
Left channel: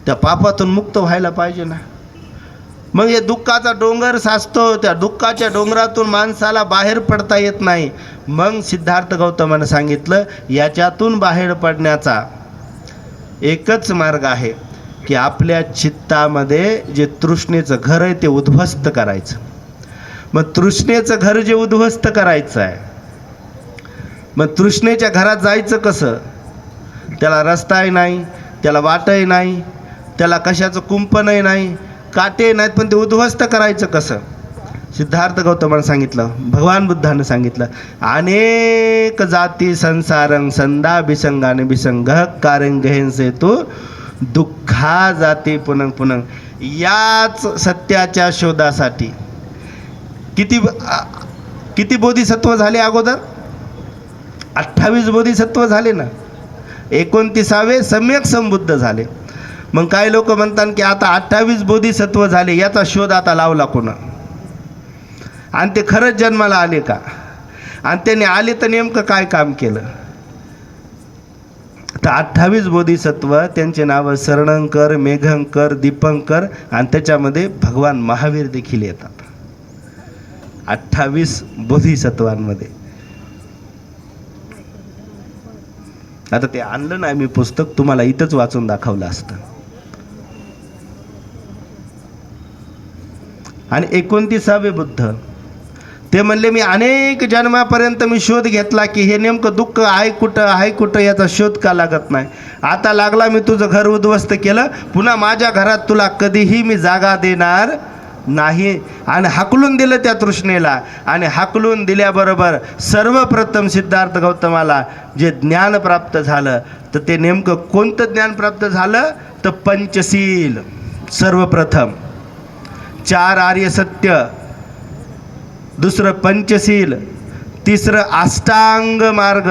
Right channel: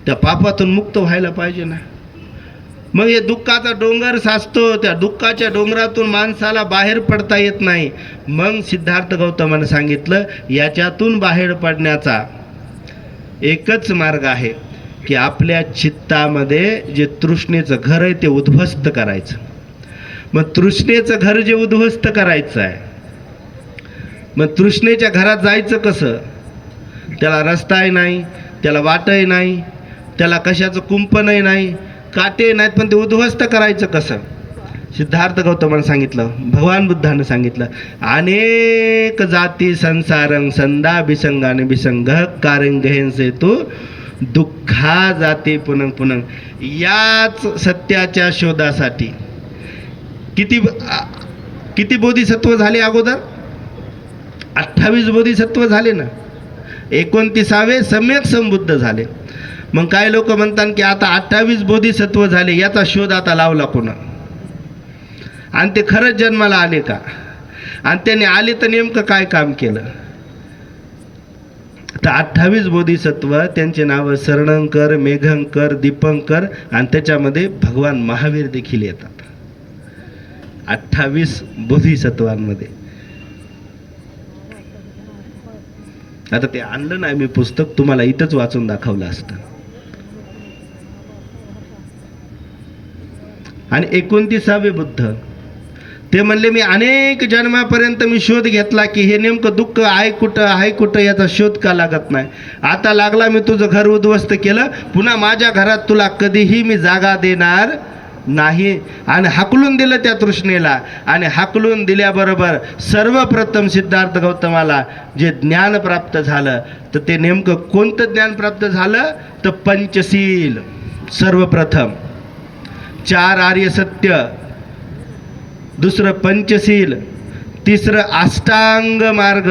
त्या पापातून मुक्त व्हायला पाहिजे ना. मग हे दुःखाचा डोंगर साचतो, त्या दुःखाच्या डोंगरातून माणसाला बाहेर पडता येत नाही. मग सिद्धार्थ गौतमानं सांगितलं याच्यातून बाहेर पडण्याचा एकच मार्ग आहे की आपल्या चित्तामध्ये जे तृष्णेचं घर आहे ते उद्ध्वस्त करायचं. मग तृष्णेचं घर जे उद्ध्वस्त करायचं आहे, मग तृष्णेच्या घरात जायचं कसं? त्याला रस्ताही नाही, त्याला वाटही नाही, त्याला कशाचं कुंपणही नाही, काटे नाहीत, पण ते उद्ध्वस्त करायचं कसं? सिद्धार्थ गौतमानं सांगितलं, भगवान बुद्धानं सांगितलं, अनेक जाती संसारं संदा विसंगाने विसंग कारंगहेंसे तो दुःखा जाते पुनः पुनः. याच सत्याच्या शोधासाठी किती बोधिसत्व झाले अगोदर? 28 बोधिसत्व झाले ना, 29वे सम्यक संबुद्ध झाले. मग काही लोक म्हणतात की आता 28 बोधिसत्व झाले, याचा शोध आता लावला कोणा? आणि ते खरंच जन्माला आले का? आणि त्याने आले तर नेमकं काय काम केलं? तर 28 बोधिसत्व त्यांचे नाव शरणंकर, मेघंकर, दीपंकर आणि त्याच्यामध्ये भगवान महावीर देखील येतात 28 बोधिसत्वांमध्ये. आता ते आणलं नाही मी पुस्तक, तुम्हाला इथंच वाचून दाखवलं असतं. आणि 29वे बुद्ध ते म्हणले मी अनेक जन्मापर्यंत मी शोध घेतला की हे नेमकं दुःख आहे कुठं याचा शोध का लागत नाही. आता लागला, मी तुझं घर उद्ध्वस्त केलं, पुन्हा माझ्या घरात तुला कधीही मी जागा देणार नाही. आणि हाकलून दिलं त्या तृष्णेला. आणि हाकलून दिल्याबरोबर सर्वप्रथम सिद्धार्थ गौतमाला जे ज्ञान प्राप्त झालं, तर ते नेमकं कोणतं ज्ञान प्राप्त झालं? तर पंचशील सर्वप्रथम, 4 आर्य सत्य, दुसरं पंचशील, तिसरं अष्टांग मार्ग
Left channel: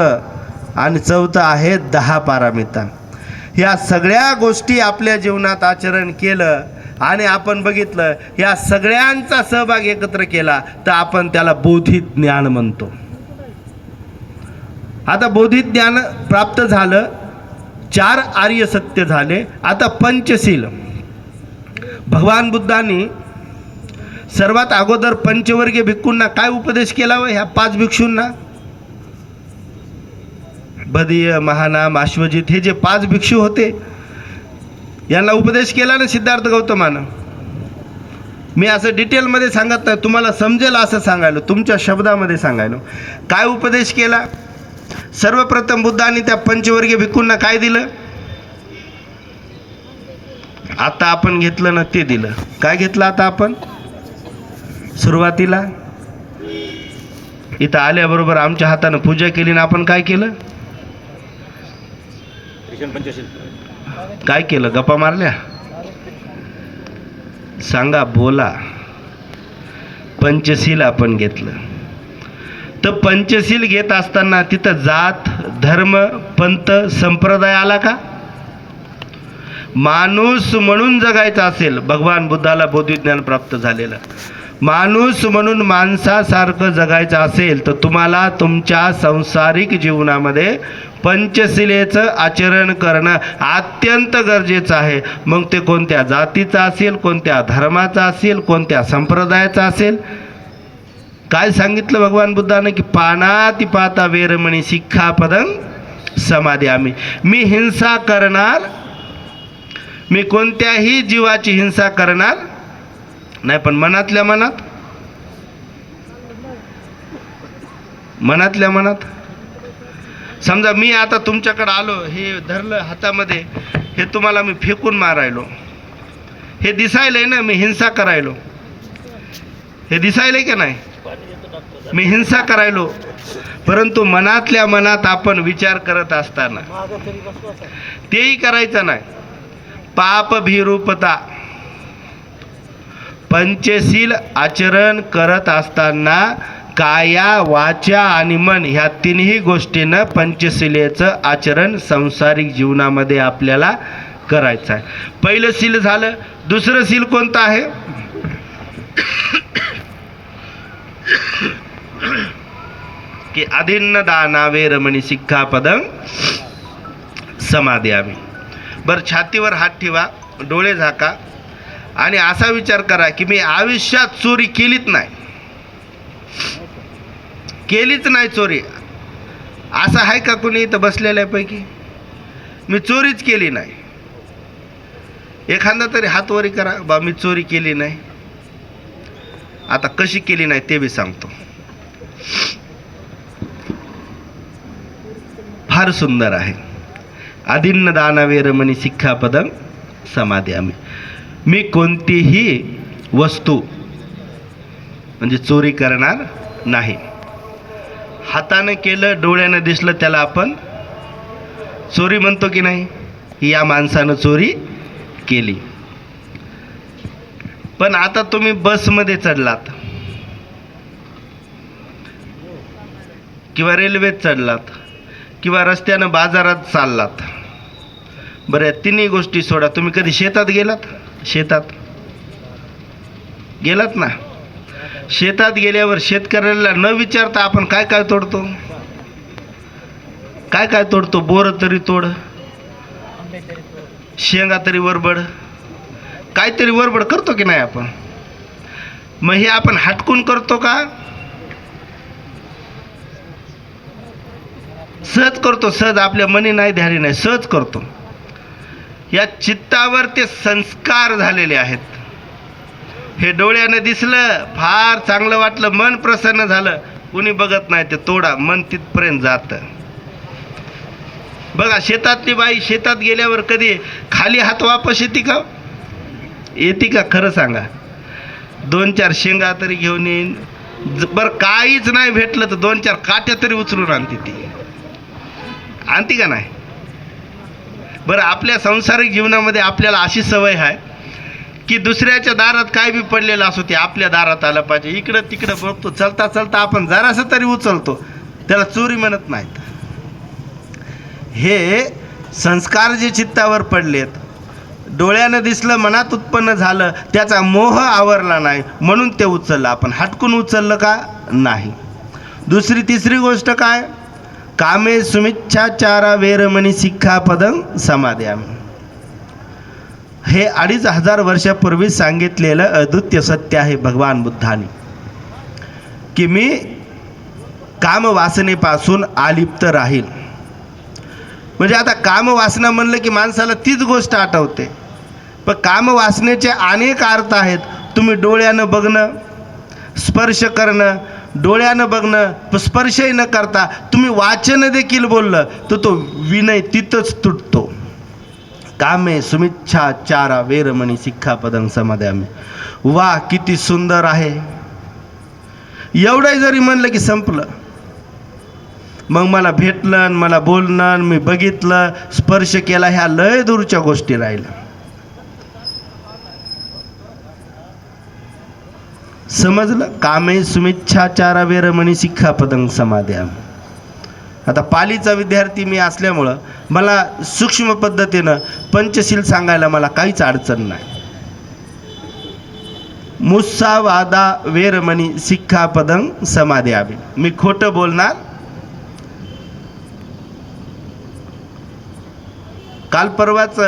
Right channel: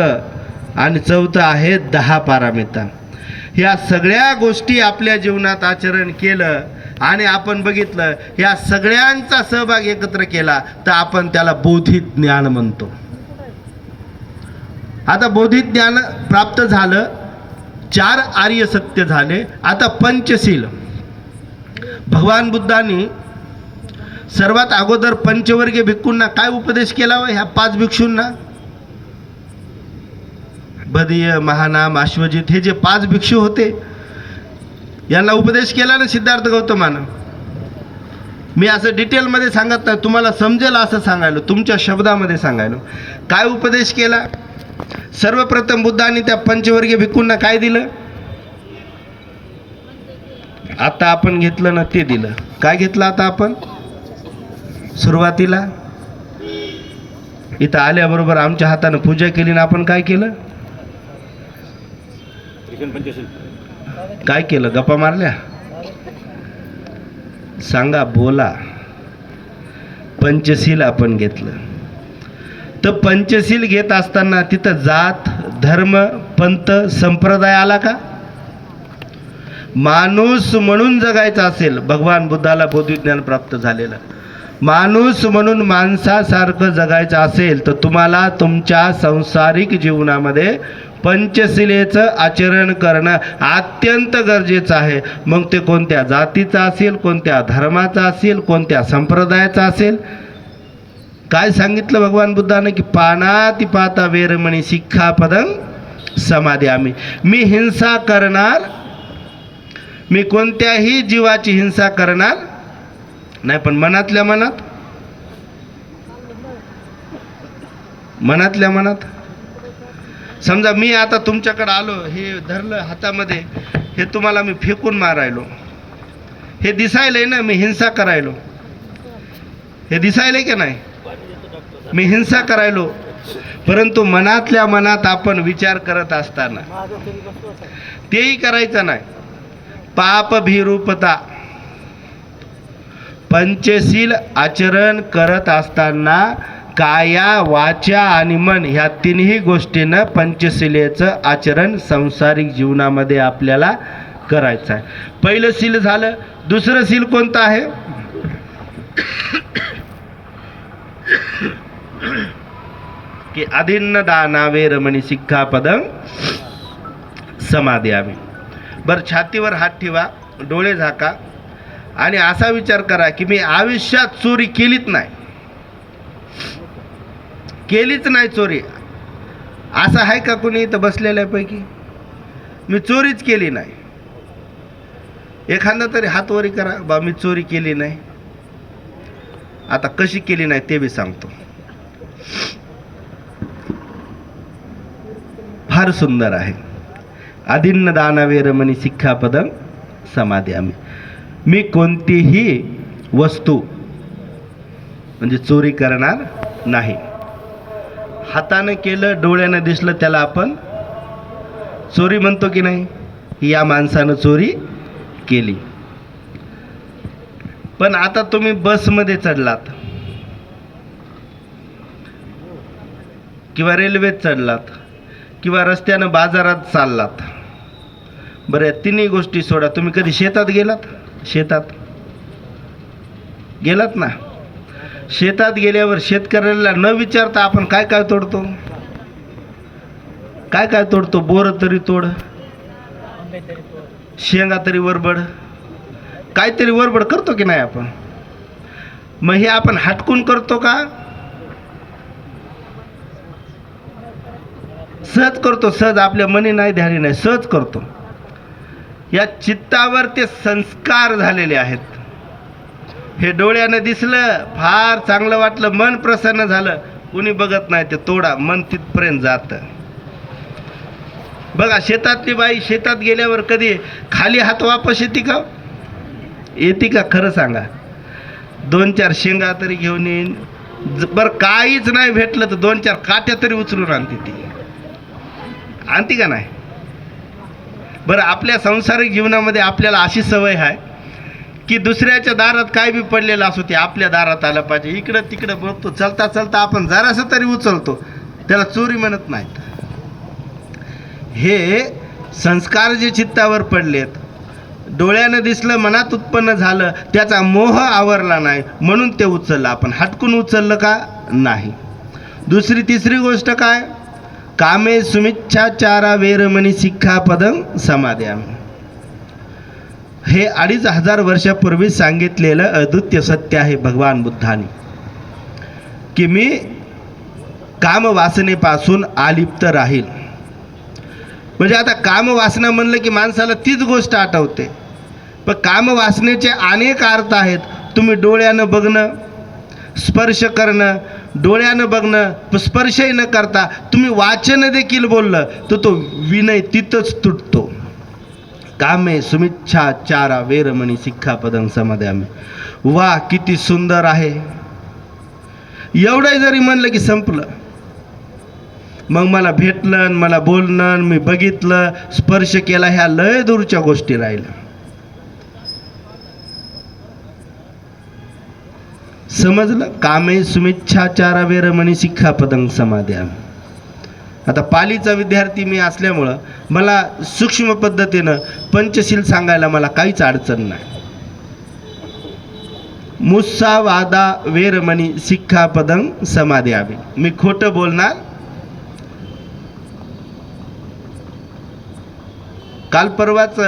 आणि चौथं आहे 10 पारामिता. ह्या सगळ्या गोष्टी आपल्या जीवनात आचरण केलं आणि आपण बघितलं, ह्या सगळ्यांचा सहभाग एकत्र केला तर आपण त्याला बौद्धिक ज्ञान म्हणतो. आता बौद्धिक ज्ञान प्राप्त झालं, 4 आर्य सत्य झाले, आता पंचशील. भगवान बुद्धांनी सर्वात अगोदर पंचवर्गीय भिक्खूंना काय उपदेश केला? ह्या 5 भिक्षूंना, बदीय, महानाम, अश्वजित, हे जे 5 भिक्षू होते यांना उपदेश केला ना सिद्धार्थ गौतमानं. मी असं डिटेलमध्ये सांगत नाही, तुम्हाला समजेल असं सांगायलो, तुमच्या शब्दामध्ये सांगायलो. काय उपदेश केला? सर्वप्रथम बुद्धांनी त्या पंचवर्गीय भिक्खूंना काय दिलं? आता आपण घेतलं ना ते दिलं. काय घेतलं आता आपण? सुरुवातीला इथं आल्याबरोबर आमच्या हातानं पूजा केली ना आपण काय केलं? काय केलं? गप्पा मारल्या? सांगा, बोला. पंचशील आपण घेतलं. तर पंचशील घेत असताना तिथं जात, धर्म, पंथ, संप्रदाय आला का? माणूस म्हणून जगायचा असेल, भगवान बुद्धाला बोधिज्ञान प्राप्त झालेलं, माणूस म्हणून माणसासारखं जगायचं असेल तर तुम्हाला तुमच्या सांसारिक जीवनामध्ये पंचशिलेचं आचरण करणं अत्यंत गरजेचं आहे. मग ते कोणत्या जातीचं असेल, कोणत्या धर्माचा असेल, कोणत्या संप्रदायाचा असेल. काय सांगितलं भगवान बुद्धानं की पानातिपाता वेरमणी शिक्षापदं समादियामि. मी हिंसा करणार, मी कोणत्याही जीवाची हिंसा करणार नाही, पण मनातल्या मनात समजा मी आता तुमच्याकडे आलो, हे धरलं हातामध्ये, हे तुम्हाला मी फेकून मारायलो, हे दिसायलंय ना मी हिंसा करायलो, हे दिसायलंय का नाही? मी हिंसा करायलो. परंतु मनातल्या मनात आपण विचार करत असताना तेही करायचं नाही. पाप भिरूपता, पंचशील आचरण करत असताना काया, वाचा आणि मन ह्या तिन्ही गोष्टींना पंचशिलेचं आचरण संसारिक जीवनामध्ये आपल्याला करायचं आहे. पहिलं शील झालं. दुसरं शील कोणतं आहे? की अदिन्न दाना वेरमणी शिक्षापदं समादियामि. बरं, छातीवर हात ठेवा. डोळे झाका आणि असा विचार करा की मी आयुष्यात चोरी केलीच नाही चोरी. असं आहे का कुणी इथं बसलेल्यापैकी? मी चोरीच केली नाही. एखादा तरी हात वरी करा, बा मी चोरी केली नाही. आता कशी केली नाही ते बी सांगतो. फार सुंदर आहे. आदिन्न दान वेरमणी सिक्खापदं समादयामि. मी कोणतीही वस्तू म्हणजे चोरी करणार नाही. हातानं केलं, डोळ्यानं दिसलं, त्याला आपण चोरी म्हणतो की नाही? या माणसानं चोरी केली. पण आता तुम्ही बसमध्ये चढलात किंवा रेल्वेत चढलात किंवा रस्त्यानं बाजारात चाललात. बरं, या तिन्ही गोष्टी सोडा. तुम्ही कधी शेतात गेलात? शेतात गेलात ना? शेतात गेल्यावर शेतकऱ्याला न विचारता आपण काय काय तोडतो? काय काय तोडतो? बोर तरी तोड, शेंगा तरी वरबड, काहीतरी वरबड करतो की नाही आपण? मग हे आपण हटकून करतो का? सहज करतो. सहज, आपल्या मनी नाही, ध्यानी नाही, सहज करतो. या चित्तावर ते संस्कार झालेले आहेत. हे डोळ्यानं दिसलं, फार चांगलं वाटलं, मन प्रसन्न झालं, कुणी बघत नाही, ते तोडा, मन तिथपर्यंत जातं. बघा, शेतातली बाई शेतात गेल्यावर कधी खाली हात वापस येते का? येते का? खरं सांगा. 2-4 शेंगा तरी घेऊन येईन. बरं, काहीच नाही भेटलं तर 2-4 काट्या तरी उचलून आणते. ती आणते का नाही? बरं, आपल्या सांसारिक जीवनामध्ये आपल्याला अशी सवय आहे की दुसऱ्याच्या दारात काय बी पडलेलं असो ते आपल्या दारात आलं पाहिजे. इकडं तिकडं बघतो, चलता चलता आपण जरासं तरी उचलतो, त्याला चोरी म्हणत नाहीत. हे संस्कार जे चित्तावर पडलेत, डोळ्यानं दिसलं, मनात उत्पन्न झालं, त्याचा मोह आवरला नाही म्हणून ते उचललं. आपण हटकून उचललं का? नाही. दुसरी तिसरी गोष्ट काय? कामे सुमिच्छाचारा वेरमणी सिक्खापदं समादयामि. हे 2500 वर्षापूर्वी सांगितलेलं अद्वितीय सत्य आहे भगवान बुद्धाने, की मी कामवासनेपासून अलिप्त राहील. म्हणजे आता कामवासना म्हणलं की माणसाला तीच गोष्ट आठवते. पण कामवासनेचे अनेक अर्थ आहेत. तुम्ही डोळ्यानं बघणं, स्पर्श करणं, डोळ्यानं बघणं, स्पर्शही न करता तुम्ही वाचन देखील बोललं तर तो विनय तिथंच तुटतो. कामे सुमिच्छाचारा वेरमणी सिक्खापदं समादयामि. वा, किती सुंदर आहे. एवढं जरी म्हणलं की संपलं. मग मला भेटलं, मला बोलणं, मी बघितलं, स्पर्श केला, ह्या लय दूरच्या गोष्टी राहिल्या. समजलं? कामे सुमिच्छाचारा वेरमणी सिक्खापदं समादयामि. आता पालीचा विद्यार्थी मी असल्यामुळं मला सूक्ष्म पद्धतीनं पंचशील सांगायला मला काहीच अडचण नाही. मुस्सावादा वेरमणी सिक्खापदं समादयामि. मी खोटं बोलणार. काल परवाच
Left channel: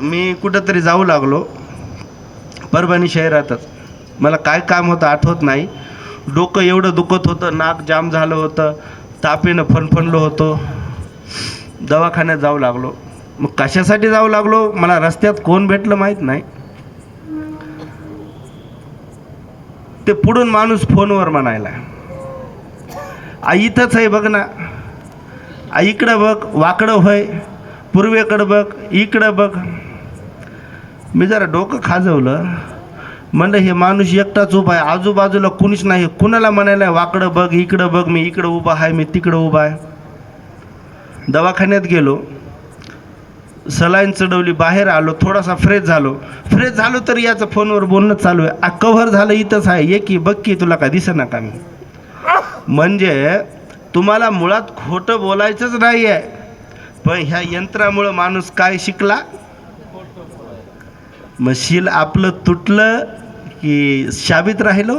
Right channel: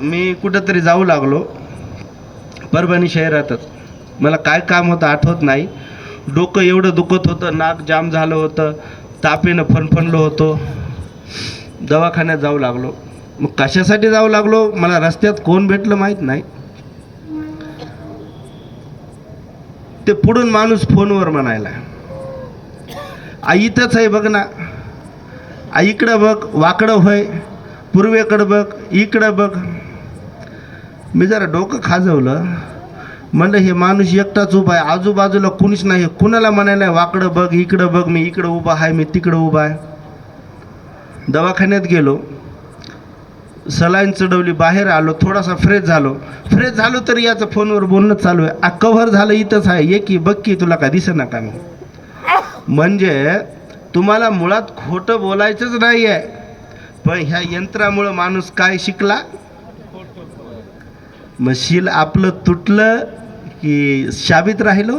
मी कुठंतरी जाऊ लागलो, परभणी शहरातच. मला काय काम होतं आठवत नाही. डोकं एवढं दुखत होतं, नाक जाम झालं होतं, तापेनं फणफणलो होतो. दवाखान्यात जाऊ लागलो. मग कशासाठी जाऊ लागलो? मला रस्त्यात कोण भेटलं माहीत नाही. ते पुढून माणूस फोनवर म्हणायला, आई इथंच आहे बघ ना, आई इकडं बघ, वाकडं होय, पूर्वेकडं बघ, इकडं बघ. मी जरा डोकं खाजवलं. म्हणलं हे माणूस एकटाच उभा आहे, आजूबाजूला कुणीच नाही. कुणाला म्हणायला वाकडं बघ, इकडं बघ, मी इकडं उभा आहे, मी तिकडं उभा आहे. दवाखान्यात गेलो, सलाईन चढवली, बाहेर आलो, थोडासा फ्रेश झालो तरी याचं फोनवर बोलणं चालू आहे. कव्हर झालं, इथंच आहे, ये की बघ की, तुला काय दिसेना का मी? म्हणजे तुम्हाला मुळात खोटं बोलायचंच नाही आहे, पण ह्या यंत्रामुळं माणूस काय शिकला? मशील आपलं तुटलं की शाबीत राहिलो.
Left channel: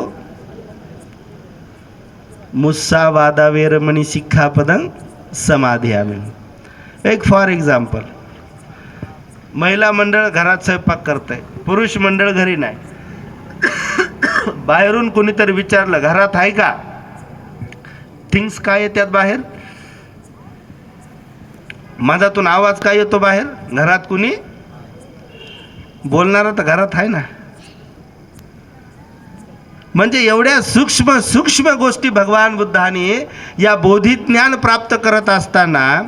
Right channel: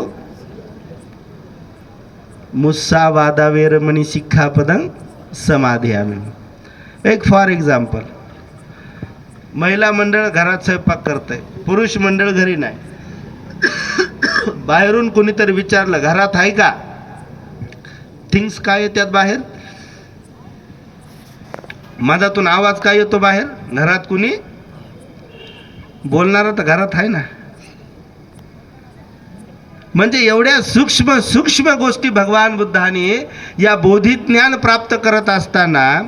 मुस्सावादा वेरमणी सिक्खापदं समादयामि. एक फॉर एक्झाम्पल, महिला मंडळ घरात स्वयंपाक करतंय, पुरुष मंडळ घरी नाही. बाहेरून कोणीतरी विचारलं घरात आहे का, थिंग्स काय येतात बाहेर, मधातून आवाज काय येतो बाहेर, घरात कुणी बोलणार तर घरात आहे ना. म्हणजे एवढ्या सूक्ष्म सूक्ष्म गोष्टी भगवान बुद्धाने या बोधिज्ञान प्राप्त करत असताना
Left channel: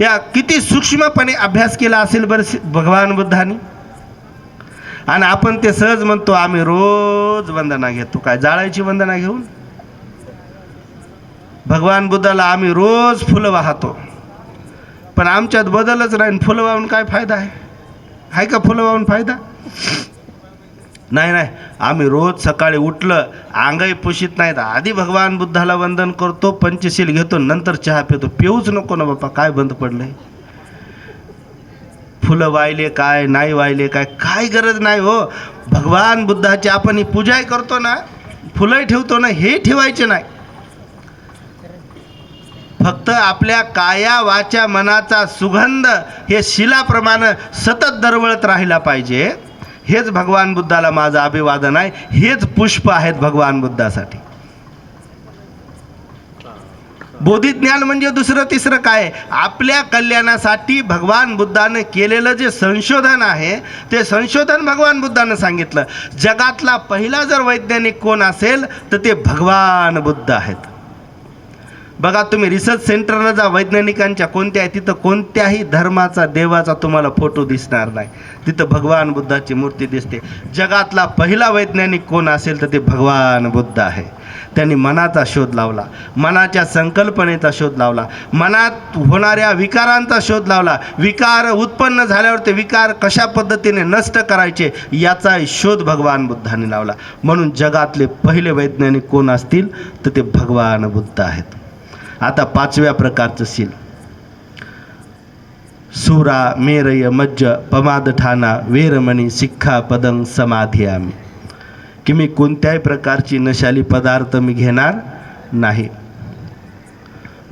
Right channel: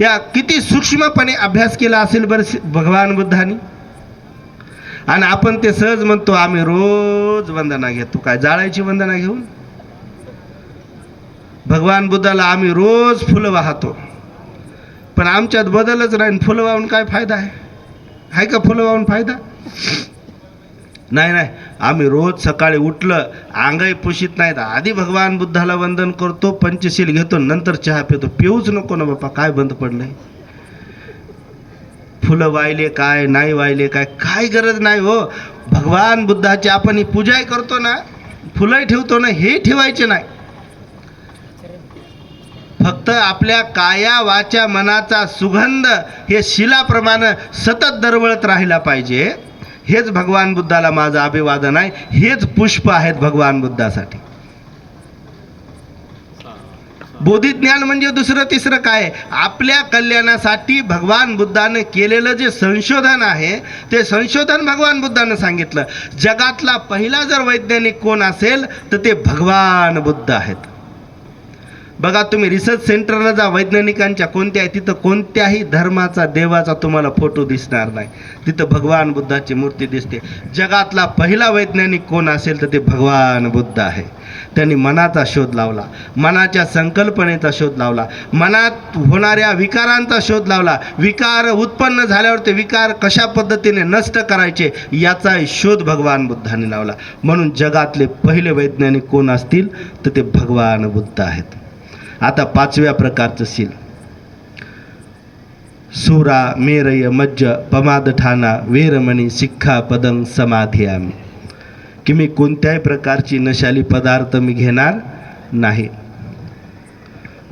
या किती सूक्ष्मपणे अभ्यास केला असेल बरं भगवान बुद्धाने. आणि आपण ते सहज म्हणतो आम्ही रोज वंदना घेतो. काय जाळायची वंदना घेऊन? भगवान बुद्धाला आम्ही रोज फुलं वाहतो, पण आमच्यात बदलच नाही. फुलं वाहून काय फायदा आहे का? फुलं वाहून फायदा नाही. नाही, आम्ही रोज सकाळी उठलं अंगही पुशीत नाहीत, आधी भगवान बुद्धाला वंदन करतो, पंचशील घेतो, नंतर चहा पितो. पिऊच नको ना बाप्पा, काय बंद पडलंय? फुलं वाहिले काय, नाही वाहिले काय, काय गरज नाही हो. भगवान बुद्धाची आपण ही पूजा करतो ना, फुलं ठेवतो ना, हे ठेवायचे नाही. फक्त आपल्या काया वाचा मनाचा सुगंध हे शिलाप्रमाणे सतत दरवळत राहिला पाहिजे. हेच भगवान बुद्धाला माझं अभिवादन आहे. हेच पुष्प आहेत भगवान बुद्धासाठी. बोधिज्ञान म्हणजे दुसरं तिसरं काय? आपल्या कल्याणासाठी भगवान बुद्धाने केलेलं जे संशोधन आहे ते संशोधन भगवान बुद्धाने सांगितलं. जगातला पहिला जर वैज्ञानिक कोण असेल तर ते भगवान बुद्ध आहेत. बघा तुम्ही रिसर्च सेंटरला जा, वैज्ञानिकांच्या कोणत्या आहे, तिथं कोणत्याही धर्माचा देवाचा तुम्हाला फोटो दिसणार नाही, तिथं भगवान बुद्धाची मूर्ती दिसते. जगातला पहिला वैज्ञानिक कोण असेल तर ते भगवान बुद्ध आहे. त्यांनी मनाचा शोध लावला, मनाच्या संकल्पनेचा शोध लावला, मनात होणाऱ्या विकारांचा शोध लावला. विकार उत्पन्न झाल्यावर ते विकार कशा पद्धतीने नष्ट करायचे याचा शोध भगवान बुद्धाने लावला. म्हणून जगातले पहिले वैज्ञानिक कोण असतील तर ते भगवान बुद्ध आहेत. आता पाचव्या प्रकारचं शील, सुरा मेरय मज्ज पमादठाना वेरमणी शिक्षा पदं समाधियामी, की मी कोणत्याही प्रकारची नशाली पदार्थ मी घेणार नाही.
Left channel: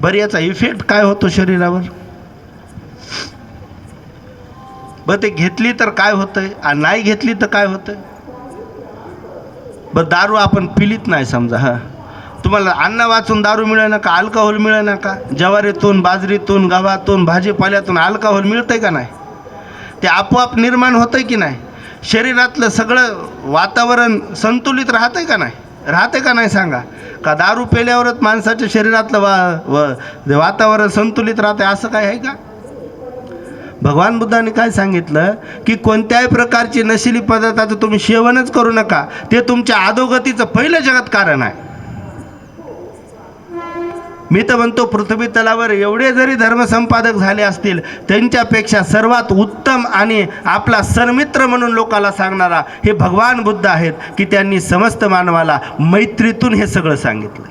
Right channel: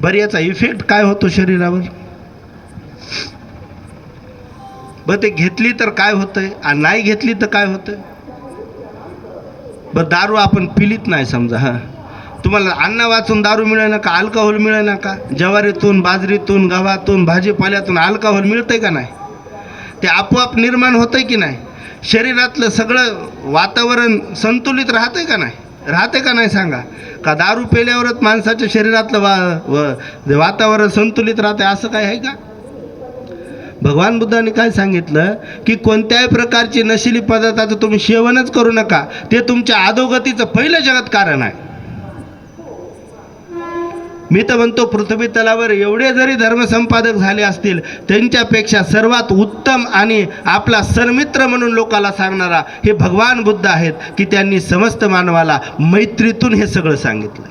बरं याचा इफेक्ट काय होतो शरीरावर? बरं ते घेतली तर काय होतंय आणि नाही घेतली तर काय होतंय? बरं दारू आपण पिलीत नाही समजा, तुम्हाला अन्न वाचून दारू मिळेना का, अल्कोहोल मिळेना का? ज्वारीतून, बाजरीतून, गव्हातून, भाजीपाल्यातून अल्कोहोल मिळतंय का नाही? ते आपोआप निर्माण होतंय की नाही? शरीरातलं सगळं वातावरण संतुलित राहतंय का नाही? राहते का नाही सांगा? का दारू पेल्यावरच माणसाच्या शरीरातलं वातावरण संतुलित राहतंय असं काय आहे का? भगवान बुद्धाने काय सांगितलं की कोणत्याही प्रकारची नशिली पदार्थाचं तुम्ही सेवनच करू नका, ते तुमच्या अधोगतीचं पहिलं जगत कारण आहे. मी तर म्हणतो पृथ्वी तलावर एवढे जरी धर्मसंपादक झाले असतील त्यांच्यापेक्षा सर्वात उत्तम आणि आपला सन्मित्र म्हणून लोकाला सांगणारा हे भगवान बुद्ध आहेत, की त्यांनी समस्त मानवाला मैत्रीतून हे सगळं सांगितलं,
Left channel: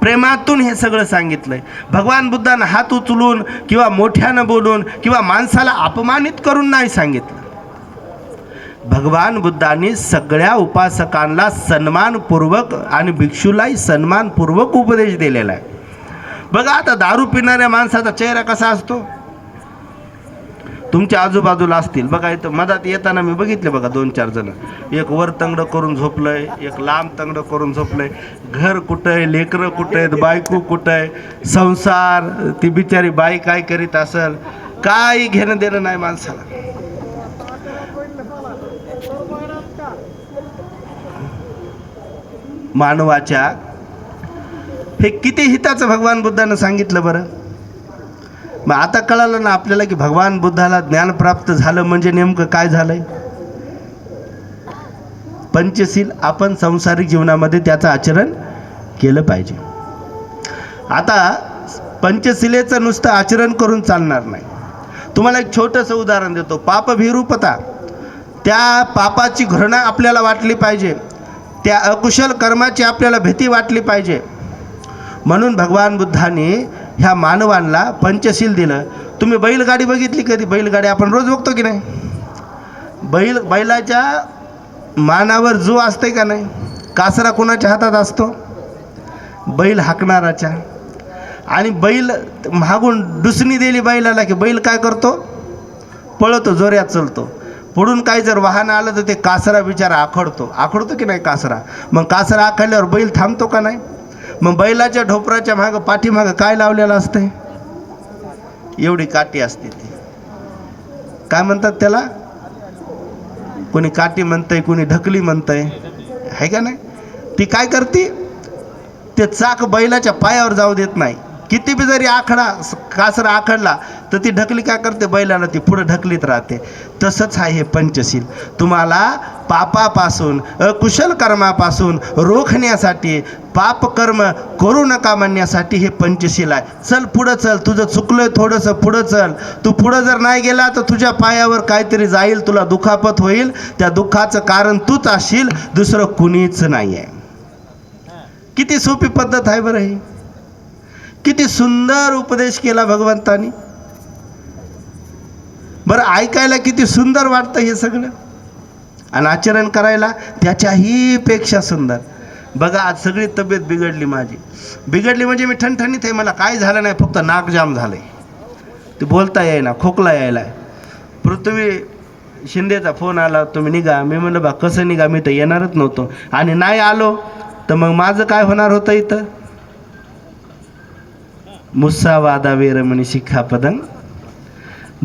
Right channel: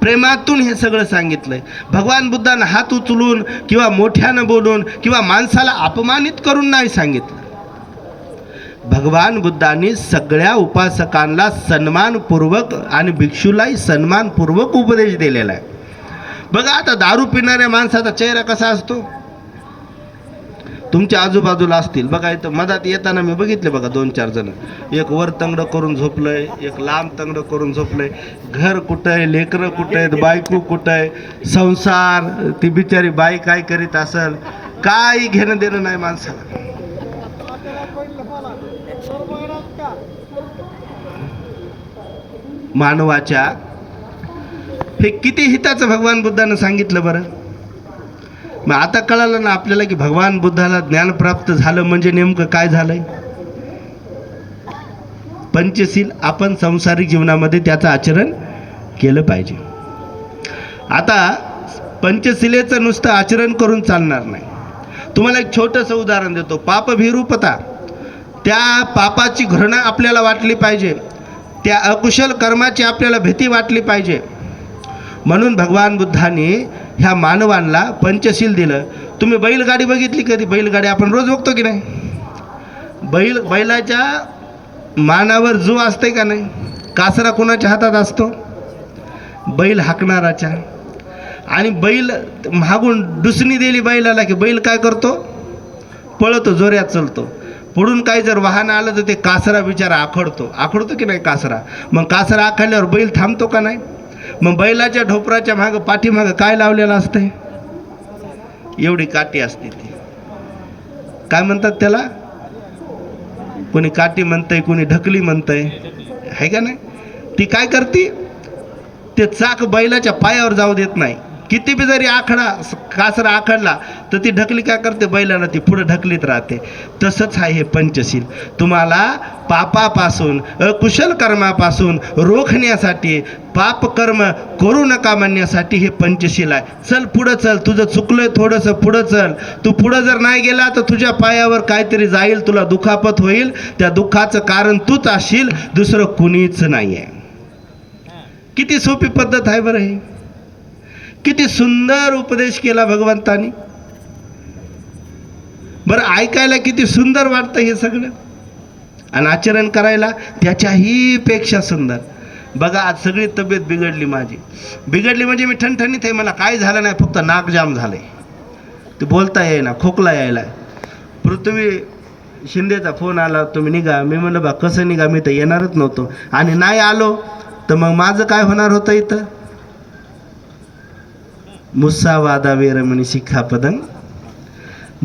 प्रेमातून हे सगळं सांगितलंय. भगवान बुद्धानं हात उचलून किंवा मोठ्यानं बोलून किंवा माणसाला अपमानित करून नाही सांगितलं. भगवान बुद्धांनी सगळ्या उपासकांना सन्मानपूर्वक आणि भिक्षूलाही सन्मानपूर्वक उपदेश दिलेला आहे. बघा आता दारू पिणाऱ्या माणसाचा चेहरा कसा असतो? तुमच्या आजूबाजूला असतील बघा, इथं मधात येताना मी बघितले बघा 2-4 जण, एक वर तंगडं करून झोपलंय, एक लांब तंगडं करून झोपलंय. घर कुठं आहे, लेकरं कुठं आहेत, बायको कुठं आहे, संसार, ती बिचारी बाई काय करीत असेल, काही घेणं देणं नाही माणसाला. मानवाच्या हे किती हिताचं भगवान बुद्धानं सांगितलं बरं. मग आता कळालं ना आपल्याला की भगवान बुद्धाला ज्ञान प्राप्त झालं म्हणजे नेमकं काय झालंय. पंचशील आपण संसारिक जीवनामध्ये त्याचं आचरण केलं पाहिजे. आता पंचशिलेचं नुसतं आचरण करून चालणार नाही. तुम्हाला एक छोटंसं उदाहरण देतो. पापभिरूपता, त्या पापाची घृणा आपल्याला वाटली पाहिजे, त्या अकुशल कर्माची आपल्याला भीती वाटली पाहिजे. म्हणून भगवान बुद्धांनी ह्या मानवांना पंचशील दिलं. तुम्ही बैलगाडी बघितली कधी? बैलगाडी आपण रोज बघतो की नाही? बैलाच्या मानावर जो असते का नाही, कासरा कोणाच्या हातात असतो? बैल हाकणाराच्या. आणि बैल मागून डुसणी दिली बैलाला की बैल काय करतो? पळतो, जोऱ्यात चालतो. पुढून काही जर वाहन आलं तर ते कासरा बिचारा आखडतो की नाही कासरा. मग कासरा आखडल्यावर बैल थांबतो का नाही. मग बैलाच्या ढोपराच्या मागं पाठीमागं काय लावलेलं असते, एवढी काठी असते. ती काय म्हणतात त्याला, कोणी काठी म्हणतंय, कोणी ढकली म्हणतंय, आहे का नाही. ती काय करते, ते चाक बैलाच्या पायावर जाऊ देत नाही. किती बी जरी कासरा आखडला तर ती ढकली काय करते, बैलाला ती पुढे ढकलीत राहते. तसंच आहे हे पंचशील. तुम्हाला पापापासून, अकुशल कर्मापासून रोखण्यासाठी, पाप कर्म करू नका म्हणण्यासाठी हे पंचशील आहे. चल पुढं चल, तुझं चुकलंय थोडंसं, पुढं चल. तू पुढं जर नाही गेला तर तुझ्या पायावर काहीतरी जाईल, तुला दुखापत होईल. त्या दुःखाचं कारण तूच असशील, दुसरं कुणीच नाही आहे. किती सोपी पद्धत आहे बरं ही. किती सुंदर उपदेश केला भगवंतानी. बरं ऐकायला किती सुंदर वाटतं हे सगळं, आणि आचरण करायला त्याच्याही पेक्षा सुंदर. बघा आज सगळी तब्येत बिघडली माझी. बिघडली म्हणजे मी ठणठणीत आहे, मला काय झालं नाही, फक्त नाक जाम झालंय, ते बोलता येईना, खोकला यायला. पृथ्वी शिंदेचा फोन आला, तुम्ही निघा. मी म्हणलं बा कसं निघा, मी तर येणारच नव्हतो. आणि नाही आलो तर मग माझं काय होणार होतं इथं. मुस्सा वादा वेरमणी शिखापदं.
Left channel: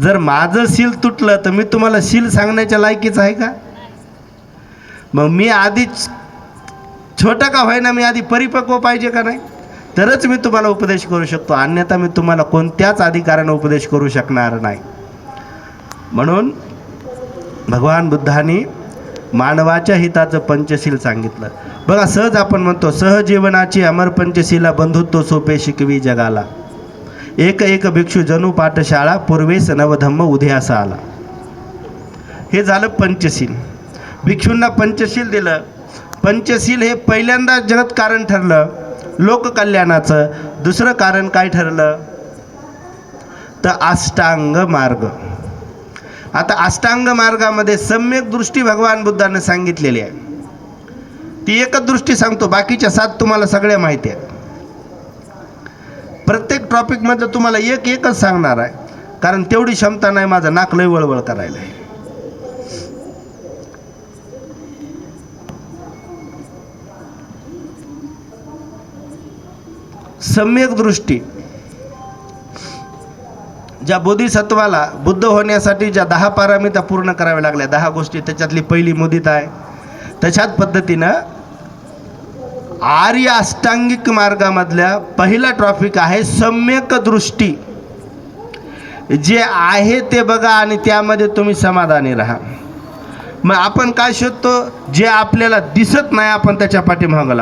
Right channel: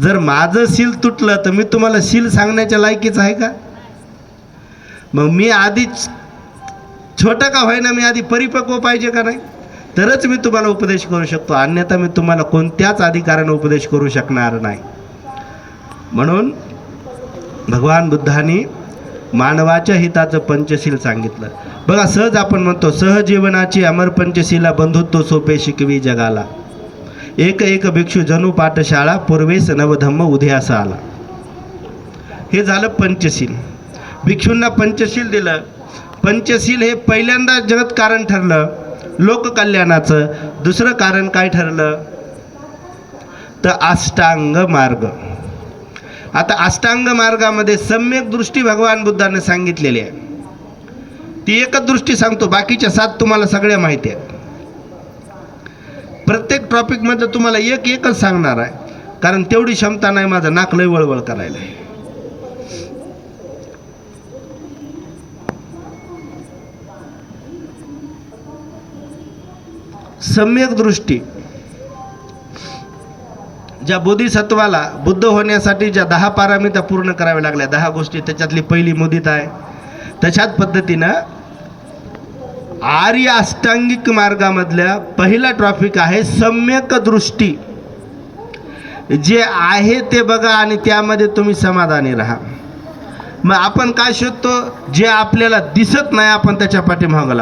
जर माझं सील तुटलं तर मी तुम्हाला सील सांगण्याच्या लायकीच आहे का. मग मी आधीच छोटं का होईना, मी आधी परिपक्व पाहिजे का नाही, तरच मी तुम्हाला उपदेश करू शकतो. अन्यथा मी तुम्हाला कोणत्याच अधिकाराने उपदेश करू शकणार नाही. म्हणून भगवान बुद्धांनी मानवाच्या हिताचं पंचशील सांगितलं. बघा सहज आपण म्हणतो, सहजीवनाची अमर पंचशीला, बंधुत्व सोपे शिकवी जगाला. एक एक भिक्षू जणू पाठशाळा, पूर्वेस नवधम्म उदयास आला. हे झालं पंचशील. भिक्षूंना पंचशील दिलं. पंचशील हे पहिल्यांदा जगत कारण ठरलं लोककल्याणाचं. दुसरं कारण काय ठरलं तर अष्टांग मार्ग. आता अष्टांग मार्गामध्ये सम्यक दृष्टी भगवान बुद्धाने सांगितलेली आहे. ती एकच दृष्टी सांगतो, बाकीच्या 7 तुम्हाला सगळ्या माहिती आहेत. प्रत्येक टॉपिकमधलं तुम्हाला एकच सांगणार आहे, कारण तेवढी क्षमता नाही, माझं नाक लय वळवळ करायला. सम्यक दृष्टी. ज्या बोधिसत्वाला बुद्ध होण्यासाठी ज्या 10 पारमिता पूर्ण कराव्या लागल्या, 10 गोष्टी, त्याच्यातली पहिली मुदित आहे. तशाच पद्धतीनं आर्य अष्टांगिक मार्गामधल्या पहिला टॉपिक आहे सम्यक दृष्टी. जे आहे ते बघा आणि त्यामध्ये तुम्ही समाधानी राहा. मग आपण काय शोधतो, जे आपल्याला दिसत नाही आपण त्याच्या पाठीमागं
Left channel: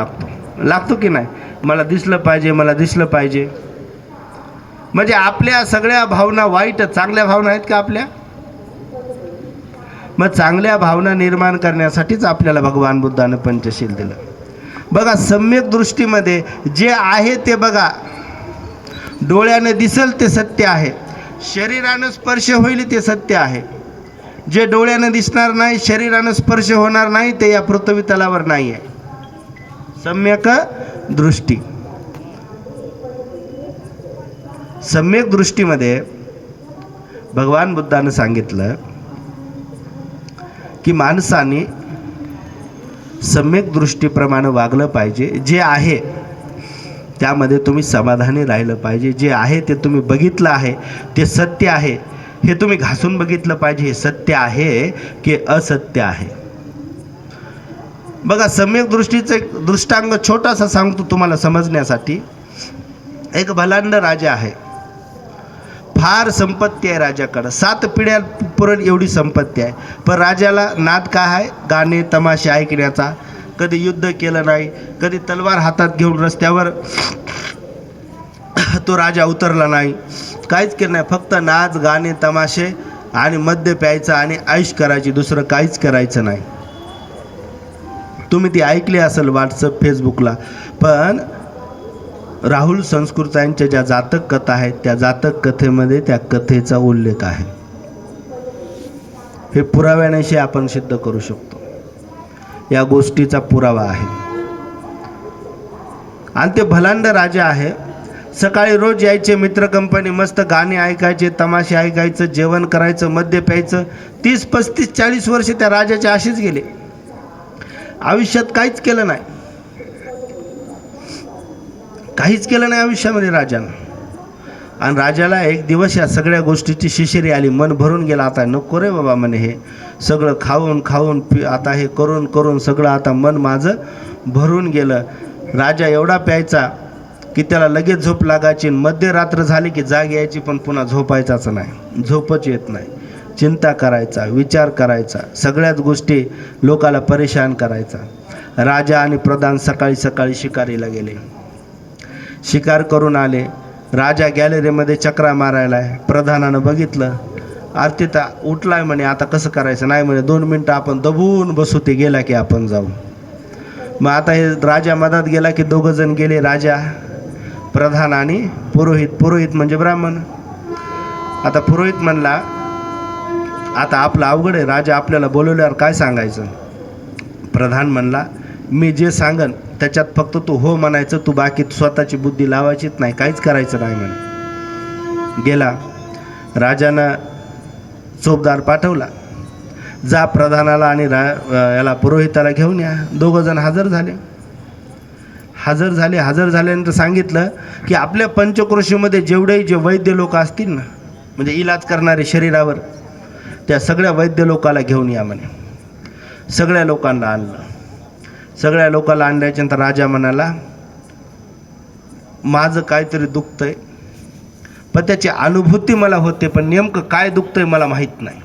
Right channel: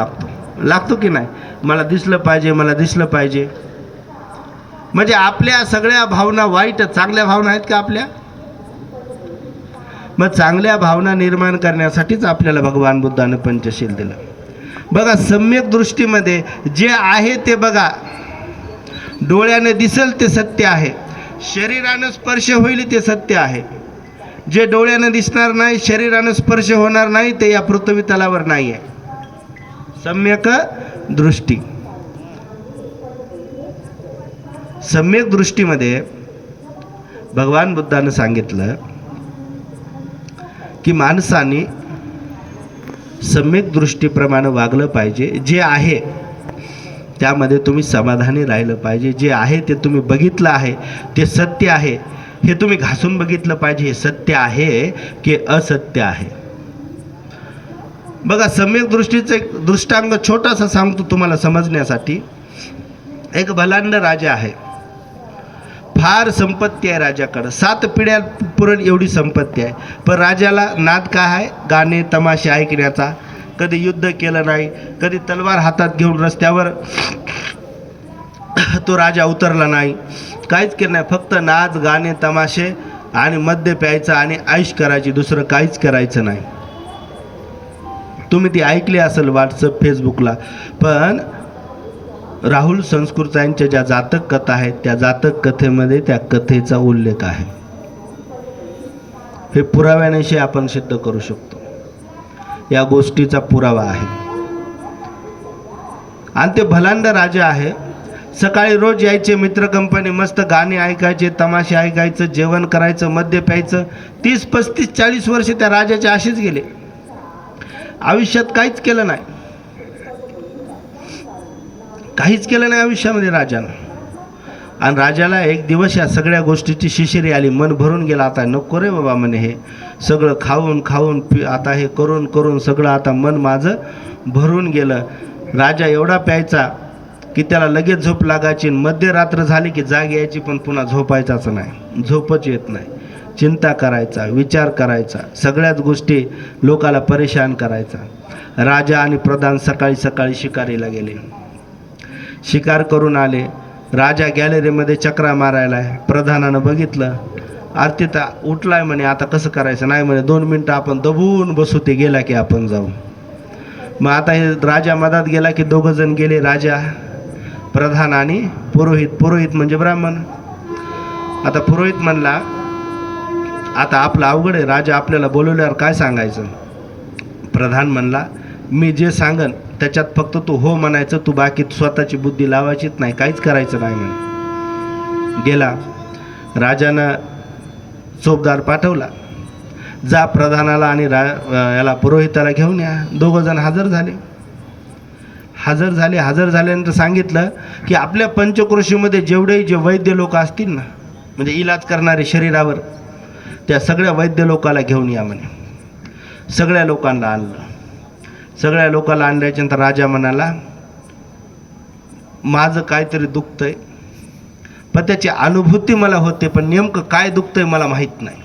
लागतो की नाही. मला दिसलं पाहिजे, मला दिसलं पाहिजे. म्हणजे आपल्या सगळ्या भावना वाईट, चांगल्या भावना आहेत का आपल्या. मग चांगल्या भावना निर्माण करण्यासाठीच आपल्याला भगवान बुद्धाने पंचशील दिलं. बघा सम्यक दृष्टीमध्ये जे आहे ते बघा. डोळ्याने दिसेल ते सत्य आहे, शरीरानं स्पर्श होईल ते सत्य आहे. जे डोळ्याने दिसणार नाही, शरीरानं स्पर्श होणार नाही, ते या पृथ्वी तलावर नाही आहे. सम्यक दृष्टी. सम्यक दृष्टीमध्ये भगवान बुद्धानं सांगितलं की माणसाने सम्यक दृष्टीप्रमाणे वागलं पाहिजे. जे आहे त्यामध्ये तुम्ही समाधानी राहिलं पाहिजे. जे आहे ते तुम्ही बघितलं आहे, ते सत्य आहे, हे तुम्ही घासून बघितलं पाहिजे. हे सत्य आहे की असत्य आहे. बघा सम्यक दृष्टीचं एक दृष्टांग छोटासा सांगतो तुम्हाला समजण्यासाठी. एक भलांड राजा आहे, फार संपत्ती आहे राजाकडं, 7 पिढ्या पुरण एवढी संपत्ती आहे. पण राजाला नाद काय आहे, गाणे तमाशे ऐकण्याचा. कधी युद्ध केलं नाही, कधी तलवार हातात घेऊन रस्त्यावर तो राजा उतरला नाही, काहीच केलं नाही. फक्त नाच, गाणे, तमाशे आणि मद्य प्यायचं आणि ऐश करायची, दुसरं काहीच करायचं नाही. तुम्ही ती ऐकली असेल व्हॉट्सअप, फेसबुकला. पण राहुल संस्कृतांच्या ज्या जातक कथा आहेत, त्या जातक कथेमध्ये त्या कथेचा उल्लेख आहे. हे पुराव्यानेशी आपण सिद्ध करू शकतो. या गोष्टीचा पुरावा आहे. आणि ते भलांड राजा आहे, सकाळी रोज यायचे मित्र कंपनी, मस्त गाणे ऐकायचे, तमाशे ऐकायचं, जेवण करायचं, मद्य प्यायचं. 30, 35, 40 वर्ष त्या राजाचे असेच गेले. आयुष्यात काहीच केलं नाही, काहीच केलं नाही आयुष्यामध्ये राजानं. आणि राजाला एक दिवस या सगळ्या गोष्टीची शिशिरी आली, मन भरून गेला. आता नको रे बाबा म्हणे, हे सगळं खाऊन खाऊन आता हे करून करून सगळं आता मन माझं भरून गेलं. राजा एवढा प्यायचा की त्याला लगेच झोप लागायची. मध्यरात्र झाली की जाग यायची, पण पुन्हा झोपायचाच नाही, झोपच येत नाही. चिंता करायचा, विचार करायचा, सगळ्याच गोष्टी लोकाला परेशान करायचा. राजा आणि प्रधान सकाळी सकाळी शिकारीला गेले. शिकार करून आले. राजा गॅलरीमध्ये चक्रा मारायला आहे. प्रधानानं बघितलं, आरतीता उठलाय म्हणे, आता कसं करायचं. नाही म्हणे, 2 मिनटं आपण दबून बसू, ते गेला की आपण जाऊ. मग आता हे राजा मधात गेला की दोघं जण गेले, राजा, प्रधान आणि पुरोहित. पुरोहित म्हणजे ब्राह्मण. आता पुरोहित म्हणला, आता आपलं अवघड आहे, राजा आपल्याला बोलवल्यावर काय सांगायचं. प्रधान म्हणला, मी जे सांगन त्याच्यात फक्त तू हो म्हणायचं, तू बाकी स्वतःची बुद्धी लावायचीच नाही, काहीच करायचं नाही म्हणे. गेला. राजानं चोपदार पाठवला, जा प्रधानाला आणि याला पुरोहिताला घेऊन या. दोघं जण हजर झाले. हजर झाल्यानंतर सांगितलं की आपल्या पंचक्रोशीमध्ये जेवढे जे वैद्य लोक असतील ना, म्हणजे इलाज करणारे शरीरावर, त्या सगळ्या वैद्य लोकाला घेऊन या म्हणे. सगळ्या लोकांना आणलं. सगळ्या लोकांना आणल्याच्यानंतर राजा म्हणाला, माझं काहीतरी दुखतंय, पण त्याची अनुभूती मला होते, पण नेमकं काय दुखतंय मला माहीत नाही.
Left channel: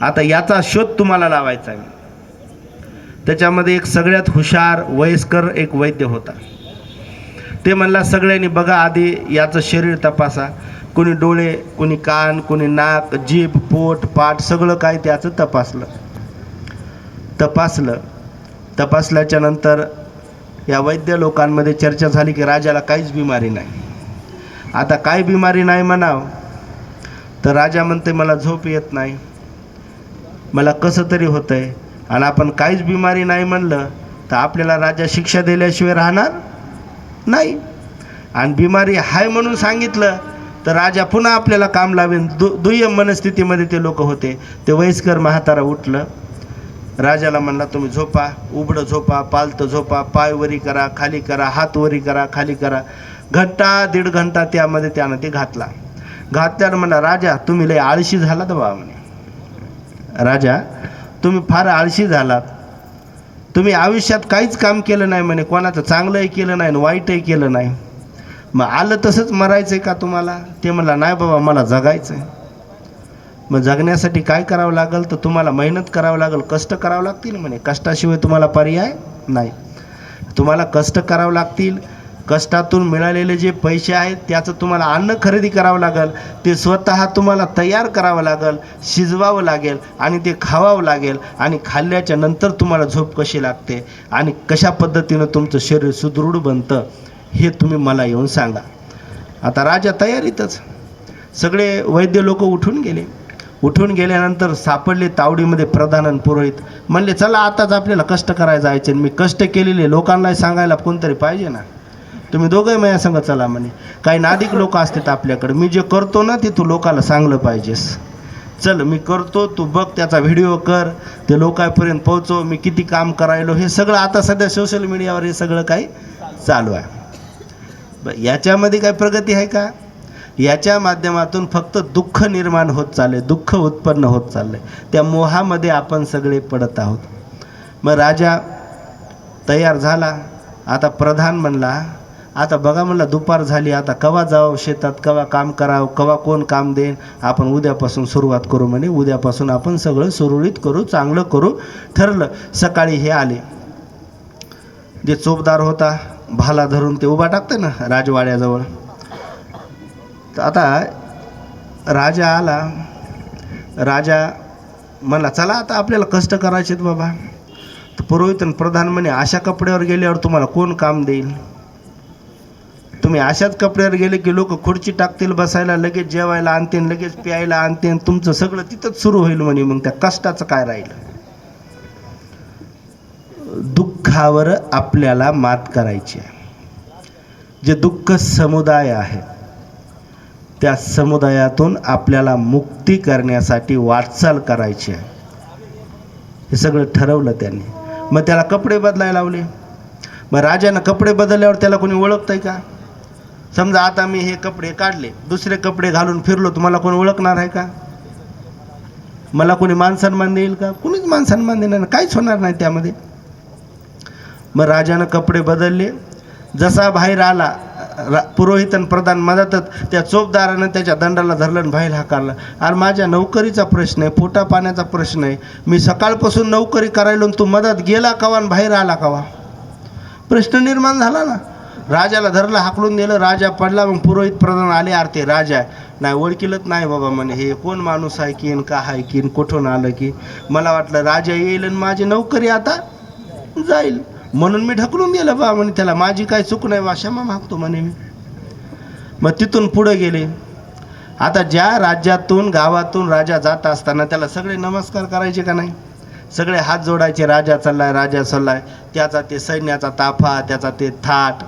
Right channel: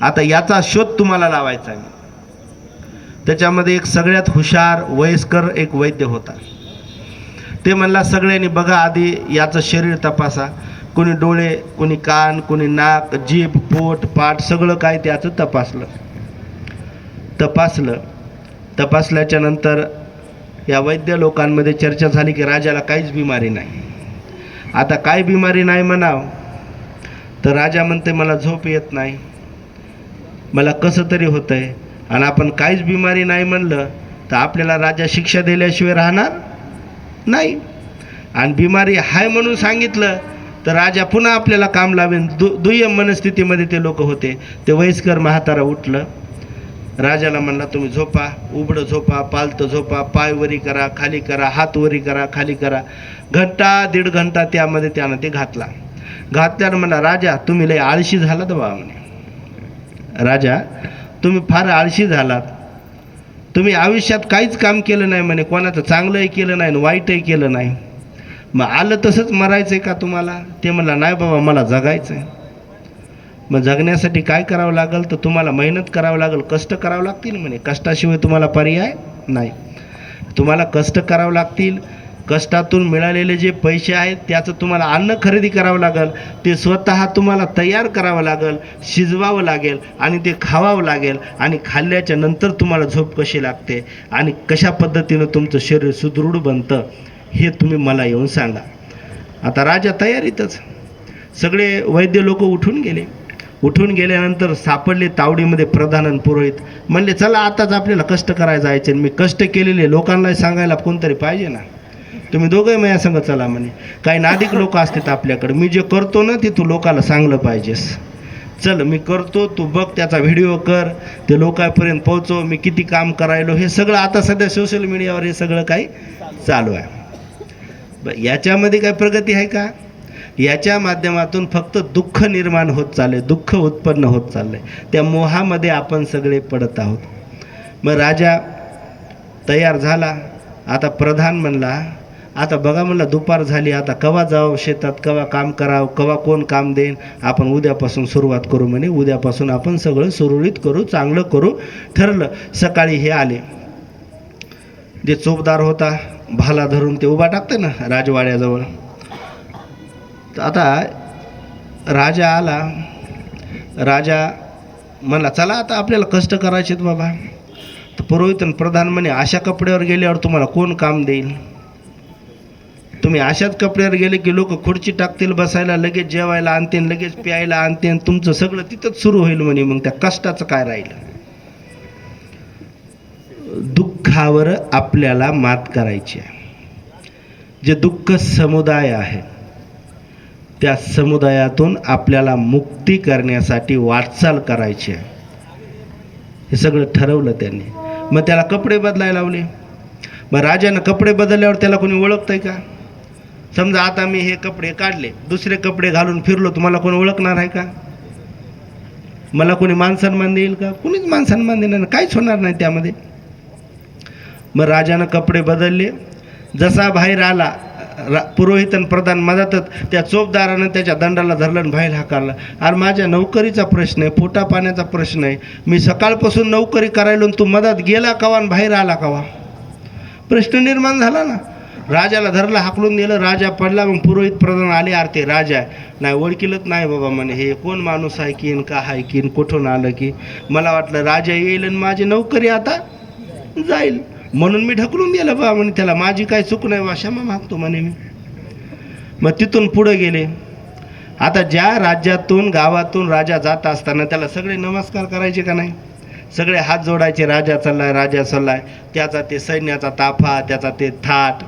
आता याचा शोध तुम्हाला लावायचा आहे. त्याच्यामध्ये एक सगळ्यात हुशार वयस्कर एक वैद्य होता. ते म्हणला, सगळ्यांनी बघा आधी याचं शरीर तपासा. कोणी डोळे, कोणी कान, कोणी नाक, जीभ, पोट, पाठ सगळं काय त्याचं तपासल्याच्या नंतर या वैद्य लोकांमध्ये चर्चा झाली की राजाला काहीच बिमारी नाही. आता काय बिमारी नाही म्हणाव तर राजा म्हणते, मला झोप येत नाही, मला कसं तरी होतंय. आणि आपण काहीच बिमारी नाही म्हणलं तर आपल्याला राजा शिक्षा दिल्याशिवाय राहणार नाही. आणि बिमारी हाय म्हणून सांगितलं तर राजा पुन्हा आपल्याला काम लावेन. दुय्यम मनस्थितीमध्ये ते लोक होते. ते वयस्कर म्हातारा उठलं. राजाला म्हणला, तुम्ही झोपा, उघडं झोपा, पालतं झोपा, पाय वरी करा, खाली करा, हात वरी करा, खाली करा. घंटा 1.5 घंटा त्यामध्ये त्यानं ते घातल्यानं म्हणला, राजा तुम्ही लय आळशी झालात बा म्हणे. राजा तुम्ही फार आळशी झालात, तुम्ही आयुष्यात काहीच काम केलं नाही म्हणे, कोणाचं चांगलंही केलं नाही वाईटही केलं नाही. मग आलं तसंच मरायचं का तुम्हाला. ते म्हणला, नाही बाबा मला जगायचं आहे. मग जगण्यासाठी काय करावं लागेल तर तुम्हाला मेहनत करावं लागेल, कष्ट करावं लागतील म्हणे. कष्टाशिवाय तुम्हाला पर्याय नाही. तुम्हाला कष्ट करावं लागतील. कष्टातून मिळालेले जे पैसे आहेत त्याचं तुम्हाला अन्न खरेदी करावं लागेल. ते स्वतः तुम्हाला तयार करावं लागेल, शिजवावं लागेल आणि ते खावावं लागेल. आणि खाल्ल्याच्या नंतर तुम्हाला झोप कशी लागते आणि कशा पद्धतीनं तुमचं शरीर सुदृढ बनतं हे तुम्ही मला येऊन सांगा. आता राजा तयारीतच. सगळे वैद्य लोक उठून गेल्यानंतर सापडले तावडीमध्ये प्रधान आणि पुरोहित. म्हणले, चला आताच आपल्याला कष्ट करायला जायचे. मी कष्ट केलेले लोकांना सांगायला कोणतरी पाहिजे ना. तुम्ही दोघंही माझ्या संग चला म्हणे. काही नादिक लोक असतात आपल्याकडे, मी जे करतो ना ते तू लोकाला सांगलं पाहिजेस. चल मी करतो, तू बघ, त्याचा व्हिडिओ कर, ते लोकांपर्यंत पोहोचव, मी किती काम करायलो. हे सगळं आता सध्या सोशल मीडियावर हे सगळं काही चालू आहे. याच्यामध्ये काय प्रगती आहे का. याच्या माध्यमातून फक्त दुःख निर्माण होत चालले, दुःख उत्पन्न होत चालले. त्या मोहामध्ये आपण सगळे पडत आहोत. मग राजा तयार झाला. आता प्रधान म्हणला, आता बघा म्हणला दुपार झाली, आता कवा जावं शेतात, कवा काम करावं, कवा कोण काम देईन, आपण उद्यापासून सुरुवात करू म्हणे. उद्यापासून आपण सगळं सुरळीत करू, चांगलं करू ठरलं. सकाळी हे आले, जे चोपदार होता भाला धरून ते उभा टाकते ना राजवाड्याजवळ. तर आता राजा आला. राजा म्हणला, चला आता आपल्याला कष्ट करायचे बाबा. तर पुरोहित आणि प्रधान म्हणे, अशा कपड्यावर गेल्यावर तुम्हाला कोण काम देईल. तुम्ही अशाच कपड्यावर गेले की लोक खुर्ची टाकतील बसायला, लगेच जेवायला आणतील, लगेच प्यायला आणतील, तुमचं सगळं तिथंच सुरू होईल म्हणे. मग त्या कष्टाचं काय राहिलं. दुःखावर आपल्याला मात करायची आहे. जे दुःख समुदाय आहे त्या समुदायातून आपल्याला मुक्ती करण्यासाठी वाटचाल करायची आहे. हे सगळं ठरवलं त्यांनी. मग त्याला कपडे बदलायला लावले. मग राजानं कपडे बदलल्यावर त्याला कोणी ओळखतंय का? समजा आता मी हे कपडे काढले, दुसरे कपडे घालून फिरलो, तुम्हाला कोणी ओळखणार आहे का? मला कोणी मान सन्मान देईल का? कुणीच मान सन्मान देणार नाही, काहीच होणार नाही त्यामध्ये. मग राजानं कपडे बदलले. जसा बाहेर आला, पुरोहित आणि प्रधान मदतच त्या चोपदारानं त्याच्या दंडाला धरलं आणि बाहेर हाकारला. अरे माझ्या नोकरीचा प्रश्न आहे, पोटा पाण्याचा प्रश्न आहे, मी सकाळपासून नोकरी करायलो आणि तू मदत गेला कवा आणि बाहेर आला कवा? प्रश्न निर्माण झाला ना. राजाला धरलं, हाकलून दिलं, राजा पडला. मग पुरोहित प्रधान आले, अरे ते राजा आहे. नाही ओळखीलच नाही बाबा म्हणे, हे कोण माणूस आहे की का आहे की कुठून आलं की? मला वाटलं राजा येईल आणि माझी नोकरी आता जाईल, म्हणून मी ढकलून दिलं बा म्हणे त्याला, माझी काही चूक नाही बा, क्षमा मागतो म्हणे मी. मग तिथून पुढे गेले. आता ज्या राज्यातून गावातून राजा जात असताना त्याला सगळे नमस्कार करायचे का नाही? सगळे हात जोडायचे, राजा चाललाय, राजा चाललाय. त्याचा ते सैन्याचा ताफा, त्याचा ते थाट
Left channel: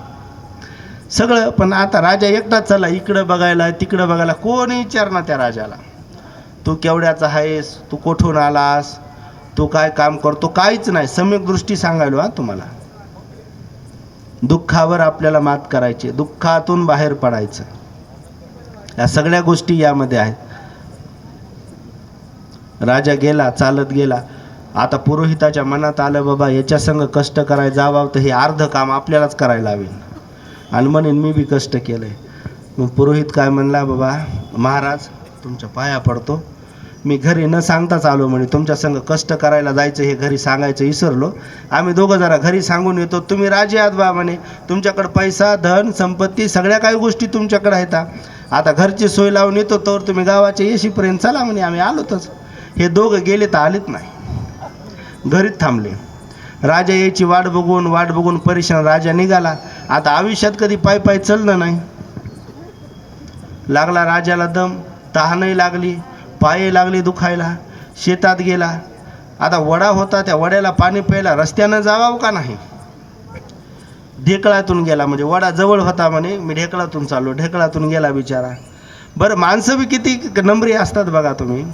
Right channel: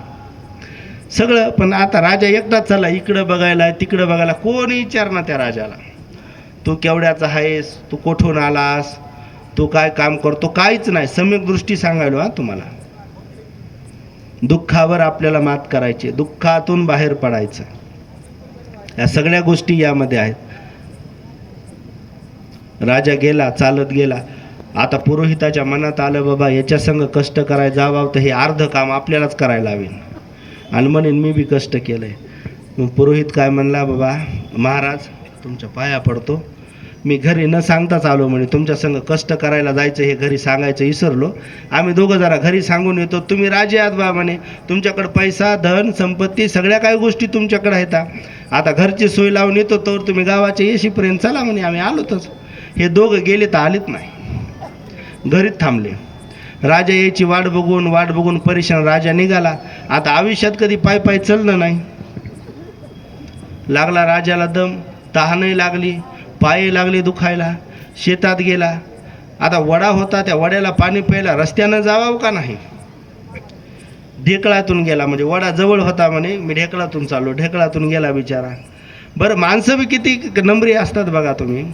सगळं. पण आता राजा एकटाच चालला, इकडं बघायला तिकडं बघायला. कोणी विचारणार त्या राजाला, तू केवढ्याचा आहेस, तू कुठून आलास, तू काय काम करतो, काहीच नाही. सम्यक दृष्टी सांगायलो हा तुम्हाला. दुःखावर आपल्याला मात करायची, दुःखातून बाहेर पडायचं. या सगळ्या गोष्टी यामध्ये आहेत. राजा गेला, चालत गेला. आता पुरोहिताच्या मनात आलं, बाबा याच्या संग कष्ट करायला जावं तर हे अर्ध काम आपल्यालाच करायला हवे. आणि म्हणेन मी बी कष्ट केलंय. मग पुरोहित काय म्हणला, बाबा महाराज तुमच्या पाया पडतो, मी घरी न सांगताच आलो म्हणे, तुमच्या संग कष्ट करायला जायचं हे घरी सांगायचं विसरलो. आम्ही दोघं जरा घरी सांगून येतो, तुम्ही राजे आहात बा म्हणे, तुमच्याकडे पैसा धन संपत्ती सगळ्या काही गोष्टी तुमच्याकडे आहेत. आता घरची सोय लावून येतो तर तुम्ही गावाच्या येशीपर्यंत चला म्हणे, आम्ही आलोतच. हे दोघं गेले तर आलेत नाही, घरीच थांबले. राजा यायची वाट बघून परेशान राजा निघाला. आता आयुष्यात कधी पाय पाय चाललं नाही. लागला राजाला दम, तहानही लागली, पाय लागले दुखायला. शेतात गेला. आता वडा होता, त्या वड्याला पाणी प्यायला रस्त्यानं जावावं का नाही? ढेकळातून गेला. म्हणजे वडा जवळ होता म्हणे, मी ढेकळातून चाललो. ढेकळातून गेला बिचारा. बरं माणसं बी किती नम्री असतात बघा तुम्ही.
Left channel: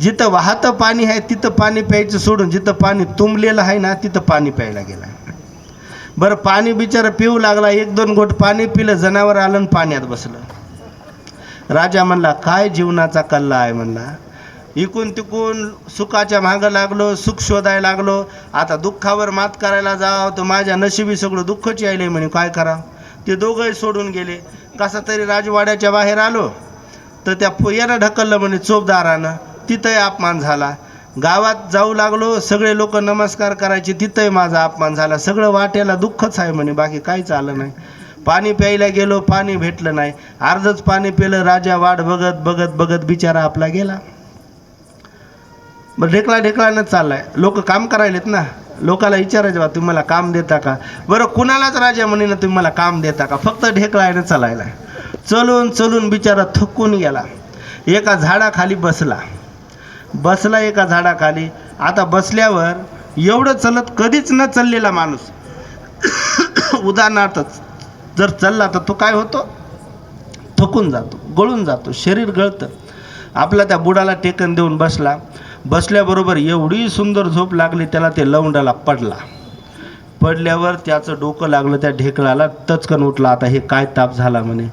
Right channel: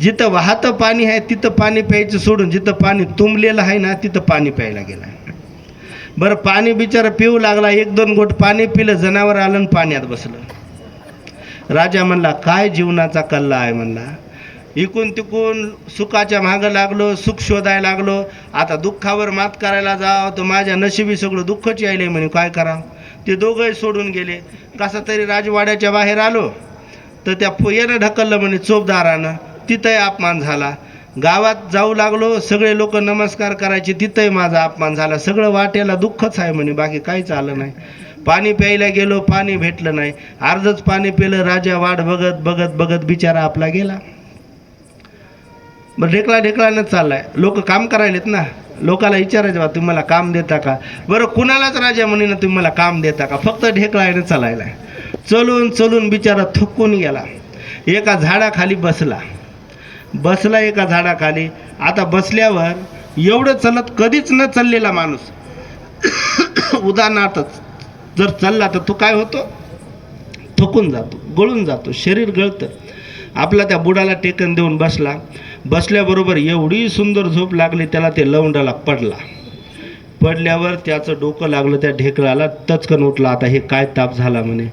जिथं वाहतं पाणी आहे तिथं पाणी प्यायचं सोडून, जिथं पाणी तुंबलेलं आहे ना तिथं पाणी प्यायला गेला. बरं पाणी बिचारा पिऊ लागला. 1-2 घोट पाणी पिलं, जनावर आलं आणि पाण्यात बसलं. राजा म्हणला, काय जीवनाचा कल्ला आहे म्हणला. इकून तिकून सुखाच्या मागं लागलो, सुख शोधायला लागलो. आता दुःखावर मात करायला जावं तर माझ्या नशिबी सगळं दुःखच यायले म्हणे, काय करावं? ते दोघंही सोडून गेले. कसा तरी राजवाड्याच्या बाहेर आलो तर त्या यानं ढकललं म्हणे चोपदारानं, तिथंही अपमान झाला. गावात जाऊ लागलो, सगळे लोक नमस्कार करायचे, तिथंही माझा अपमान झाला. सगळं वाट्याला दुःखच आहे म्हणे, बाकी काहीच आलं नाही. पाणी प्यायला गेलो, पाणी भेटलं नाही. अर्धच पाणी पिलं. राजा वाट बघत बिचारा आपला गेला. बरं ढेकळानं चाललाय. लोक काम करायलेत ना, लोकाला विचारायचं बा तुम्ही मला काम देता का? बरं कुणालाच राजा म्हणे ना तुम्ही मला काम देता का? फक्त ढेकळानं चालायला. चलून बिचारा थकून गेला. एका झाडाखाली बसला एका झाडाखाली. आता बसल्यावर एवढं चलत कधीच न चाललेला माणूस उदाहरणार्थ जर चालला तर तो काय होतो? थकून जातो, गळून जातो, शरीर गळतं. आपला त्या बुडाला टेकन देऊन बसल्याबरोबर एवढी सुंदर झोप लागली त्याला, ते लवंडाला पडल्यावर त्याचं डोकं लागलं त्या ढेकळाला. टचकन उठला. आता हे काय ताप झाला म्हणे.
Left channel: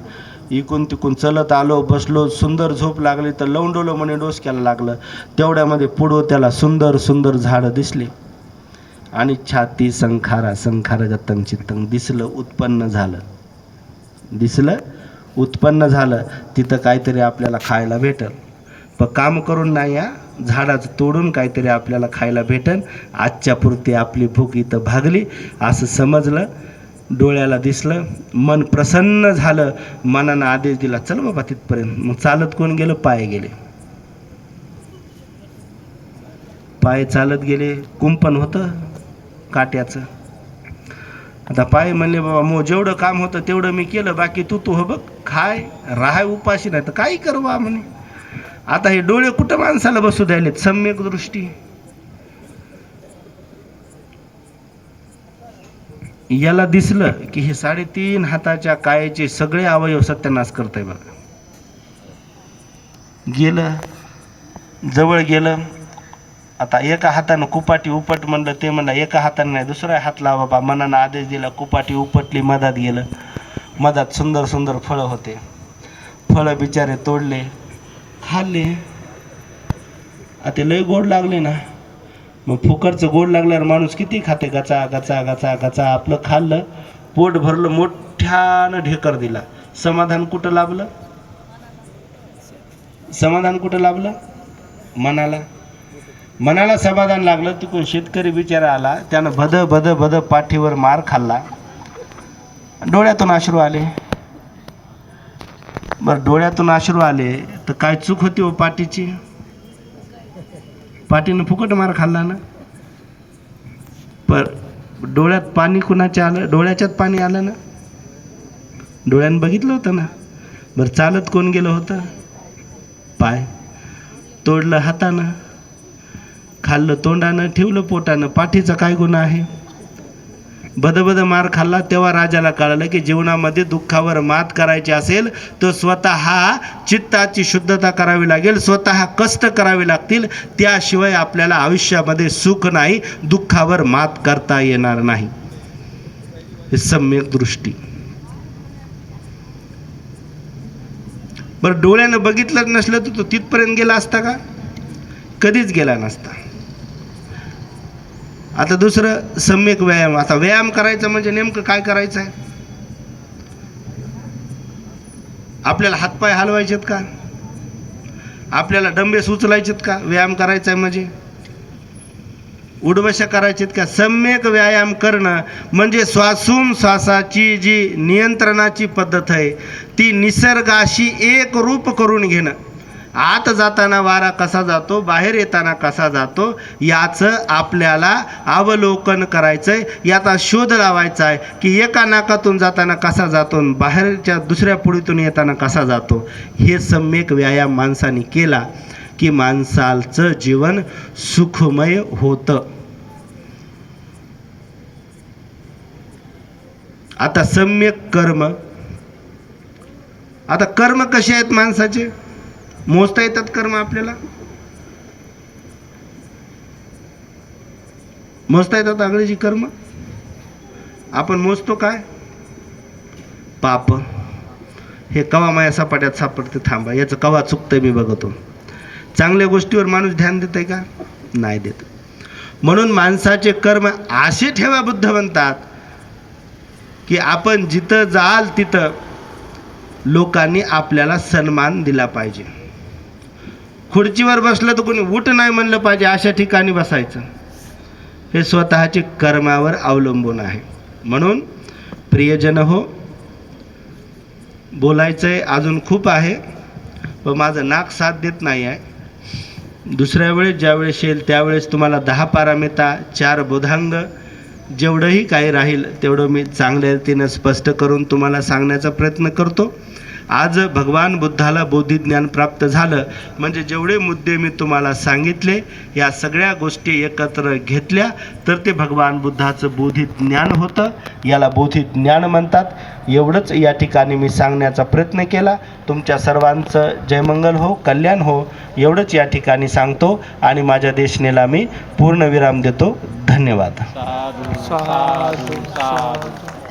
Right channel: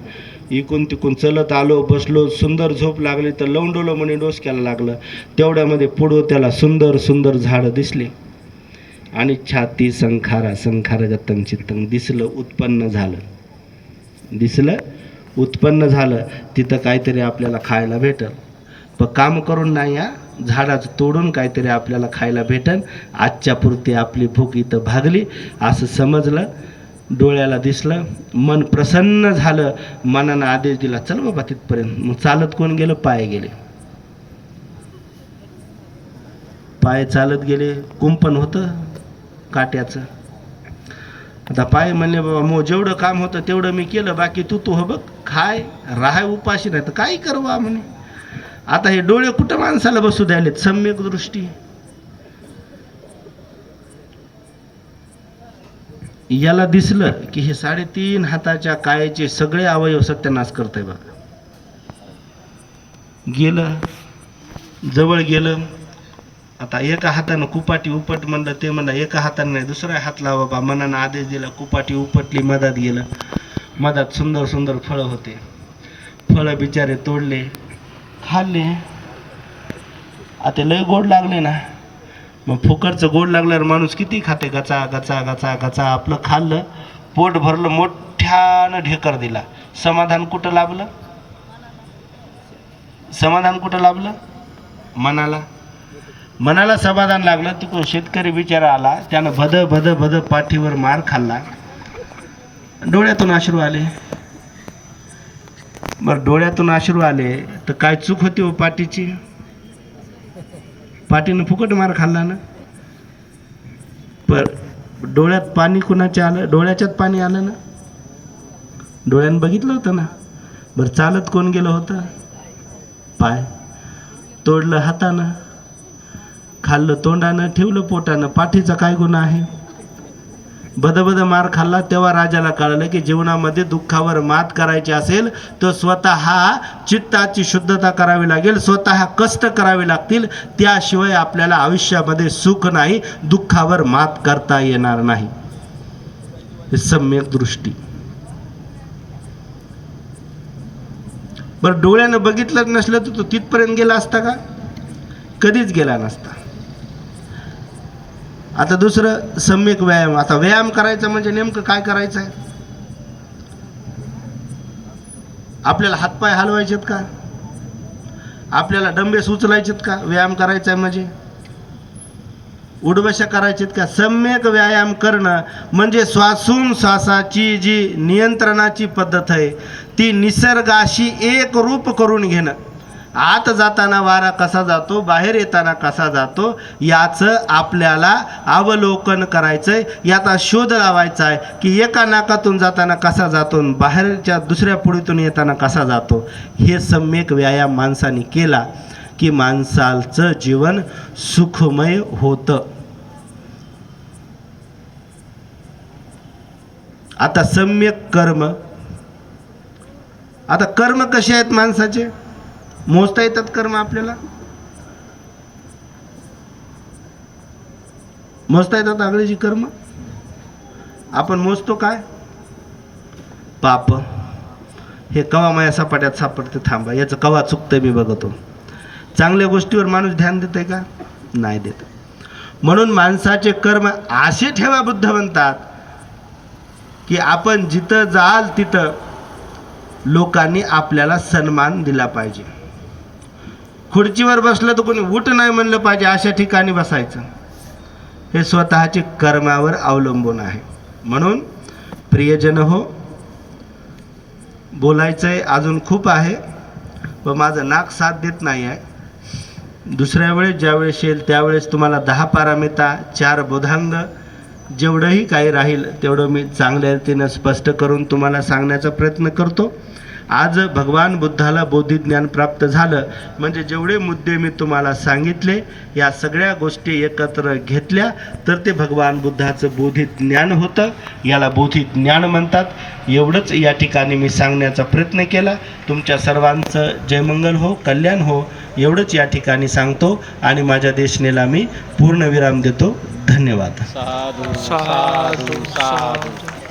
इकून तिकून चलत आलो, बसलो, सुंदर झोप लागली तर लवंडवलं म्हणे, डोसक्याला लागलं. तेवढ्यामध्ये पुढं त्याला सुंदर झाडं दिसली आणि छाती संखार गतंग चित्तंग दिसलं, उत्पन्न झालं. तिथं काहीतरी आपल्याला खायला भेटल. पण काम करून नाही, या झाडाचं तोडून काहीतरी आपल्याला खायला भेटल. आजच्या पुरती आपली भूक इथं भागली असं समजलं. डोळ्याला दिसलं, मन प्रसन्न झालं. मनानं आदेश दिला, चल बाबा तिथपर्यंत. मग चालत कोण गेलं? पाय चालत गेले. कुंपण होतं काट्याचं. आता पाय म्हणले, बाबा मग जेवढं काम होतं तेवढं मी केलं, बाकी तू हो बघ, खाय राहाय उपाशी, नाही तर काही करवा म्हणे. आता हे डोळे कुठं माणसाला बसू द्यायलेत? सम्यक दृष्टी. याला दिसलं की हे 3.5 हाताच्या कायेचे सगळे अवयव सत्यानाश करतंय बघा. गेलं, जवळ गेलं. आता एका हातानं कुपाटी उपट म्हणलं, ते म्हणलं एका हाताने नाही, दुसरा हात लावा बाबा. मनानं आदेश दिला, कुपाटी उपटली, मधात गेलं. मधात सुंदर सुंदर फळं होते. फळं बिचारे तोडले, खाल्ले. आता लय गोड लागले ना. मग फुकटचं गोड लागल्यावर माणूस किती खाते, गचा गचा गचा गचा. आपलं खाल्लं, पोट भरलं, मोठ्यानं ढेकर दिला. समाधान कुठं लाभलं? समाधान कुठं लाभलं? मनाला समाधान लागलं. तिकडून शेतकरी बिचारा आला, त्यानं भद भद भद पाठीवर मार खाल्ला. डोळ्यातून अश्रू आले. बरं, डोळ्यातून अश्रू आले तर काय चूक होती हो पाठीची? पाठीनं फुकट मार खाल्ला ना. पर डोळ्यात पाणी कुणाच्या आलं? डोळ्याच्यात पाणी आलं ना. डोळ्यानं बघितलं होतं ना. बरं, चालत कोण गेलं होतं? पाय. तोडलं हातानं, खाल्लं तोंडानं, ठेवलं पोटानं. पाठीचा काय गुन्हा आहे? बदबद मार खाल्ला. तेव्हा राजाला कळलं की जीवनामध्ये दुःखावर मात करायची असेल तर स्वतः चित्ताची शुद्धता करावी लागेल, स्वतः कष्ट करावे लागतील. त्याशिवाय आपल्याला आयुष्यामध्ये सुख नाही, दुःखावर मात करता येणार नाही. हे सम्यक दृष्टी. बरं, डोळ्यानं बघितलं नसलं तर तो तिथपर्यंत गेला असता का? कधीच गेला नसता. आता दुसरं सम्यक व्यायाम. आता व्यायाम करायचं म्हणजे नेमकं काय करायचं आहे? आपल्याला हातपाय हलवायचेत का? आपल्याला डंबेस उचलायचेत का? व्यायाम करायचा आहे म्हणजे उडवशा करायचेत का? सम्यक व्यायाम करणं म्हणजे श्वासाची जी नियंत्रणाची पद्धत आहे ती निसर्गाशी एक रूप करून घेणं. आत जाताना वारा कसा जातो, बाहेर येताना कसा जातो, याचं आपल्याला अवलोकन करायचंय. याचा शोध लावायचा आहे की एका नाकातून जाताना कसा जातो, बाहेरच्या दुसऱ्या पुढीतून येताना कसा जातो. हे सम्यक व्यायाम माणसाने केला की माणसाचं जीवन सुखमय होतं. आता सम्यक कर्म. आता कर्म कसे आहेत माणसाचे? मोजता येतात कर्म आपल्याला? मोजता येतात आगळीची कर्म? आपण मोजतो काय? पाप. हे कवा माया सपाट्यात सापडते, थांबा याचं कवा चुकतंय मी बघतो. चांगल्या गोष्टीवर माणूस ध्यान देत आहे का? नाही देत. म्हणून माणसाचे कर्म असे ठेवा, बुद्ध म्हणतात की आपण जिथं जाल तिथं लोकांनी आपल्याला सन्मान दिला पाहिजे. खुर्चीवर बसलं तर कोणी उठ नाही म्हणलं पाहिजे, अशा ठिकाणी बसायचं. हे स्वतःचे कर्मावर अवलंबून आहे. म्हणून प्रियजन हो, बोलायचं आहे अजून खूप आहे, पण माझं नाक साथ देत नाही आहे. दुसऱ्या वेळेस ज्यावेळेस येईल त्यावेळेस तुम्हाला 10 पारमिता, 4 बोधांग, जेवढंही काही राहील तेवढं मी चांगल्या रीतीनं स्पष्ट करून तुम्हाला सांगण्याचा प्रयत्न करतो. आज भगवान बुद्धाला बोधिज्ञान प्राप्त झालं म्हणजे जेवढे मुद्दे मी तुम्हाला सांगितले या सगळ्या गोष्टी एकत्र घेतल्या तर ते भगवान बुद्धाचं बोधिज्ञान होतं. याला बोधिज्ञान म्हणतात. एवढंच या ठिकाणी मी सांगण्याचा प्रयत्न केला. तुमच्या सर्वांचं जयमंगल हो, कल्याण हो, एवढंच या ठिकाणी सांगतो आणि माझ्या देशनेला मी पूर्णविराम देतो. धन्यवाद. साधू साधू साधू.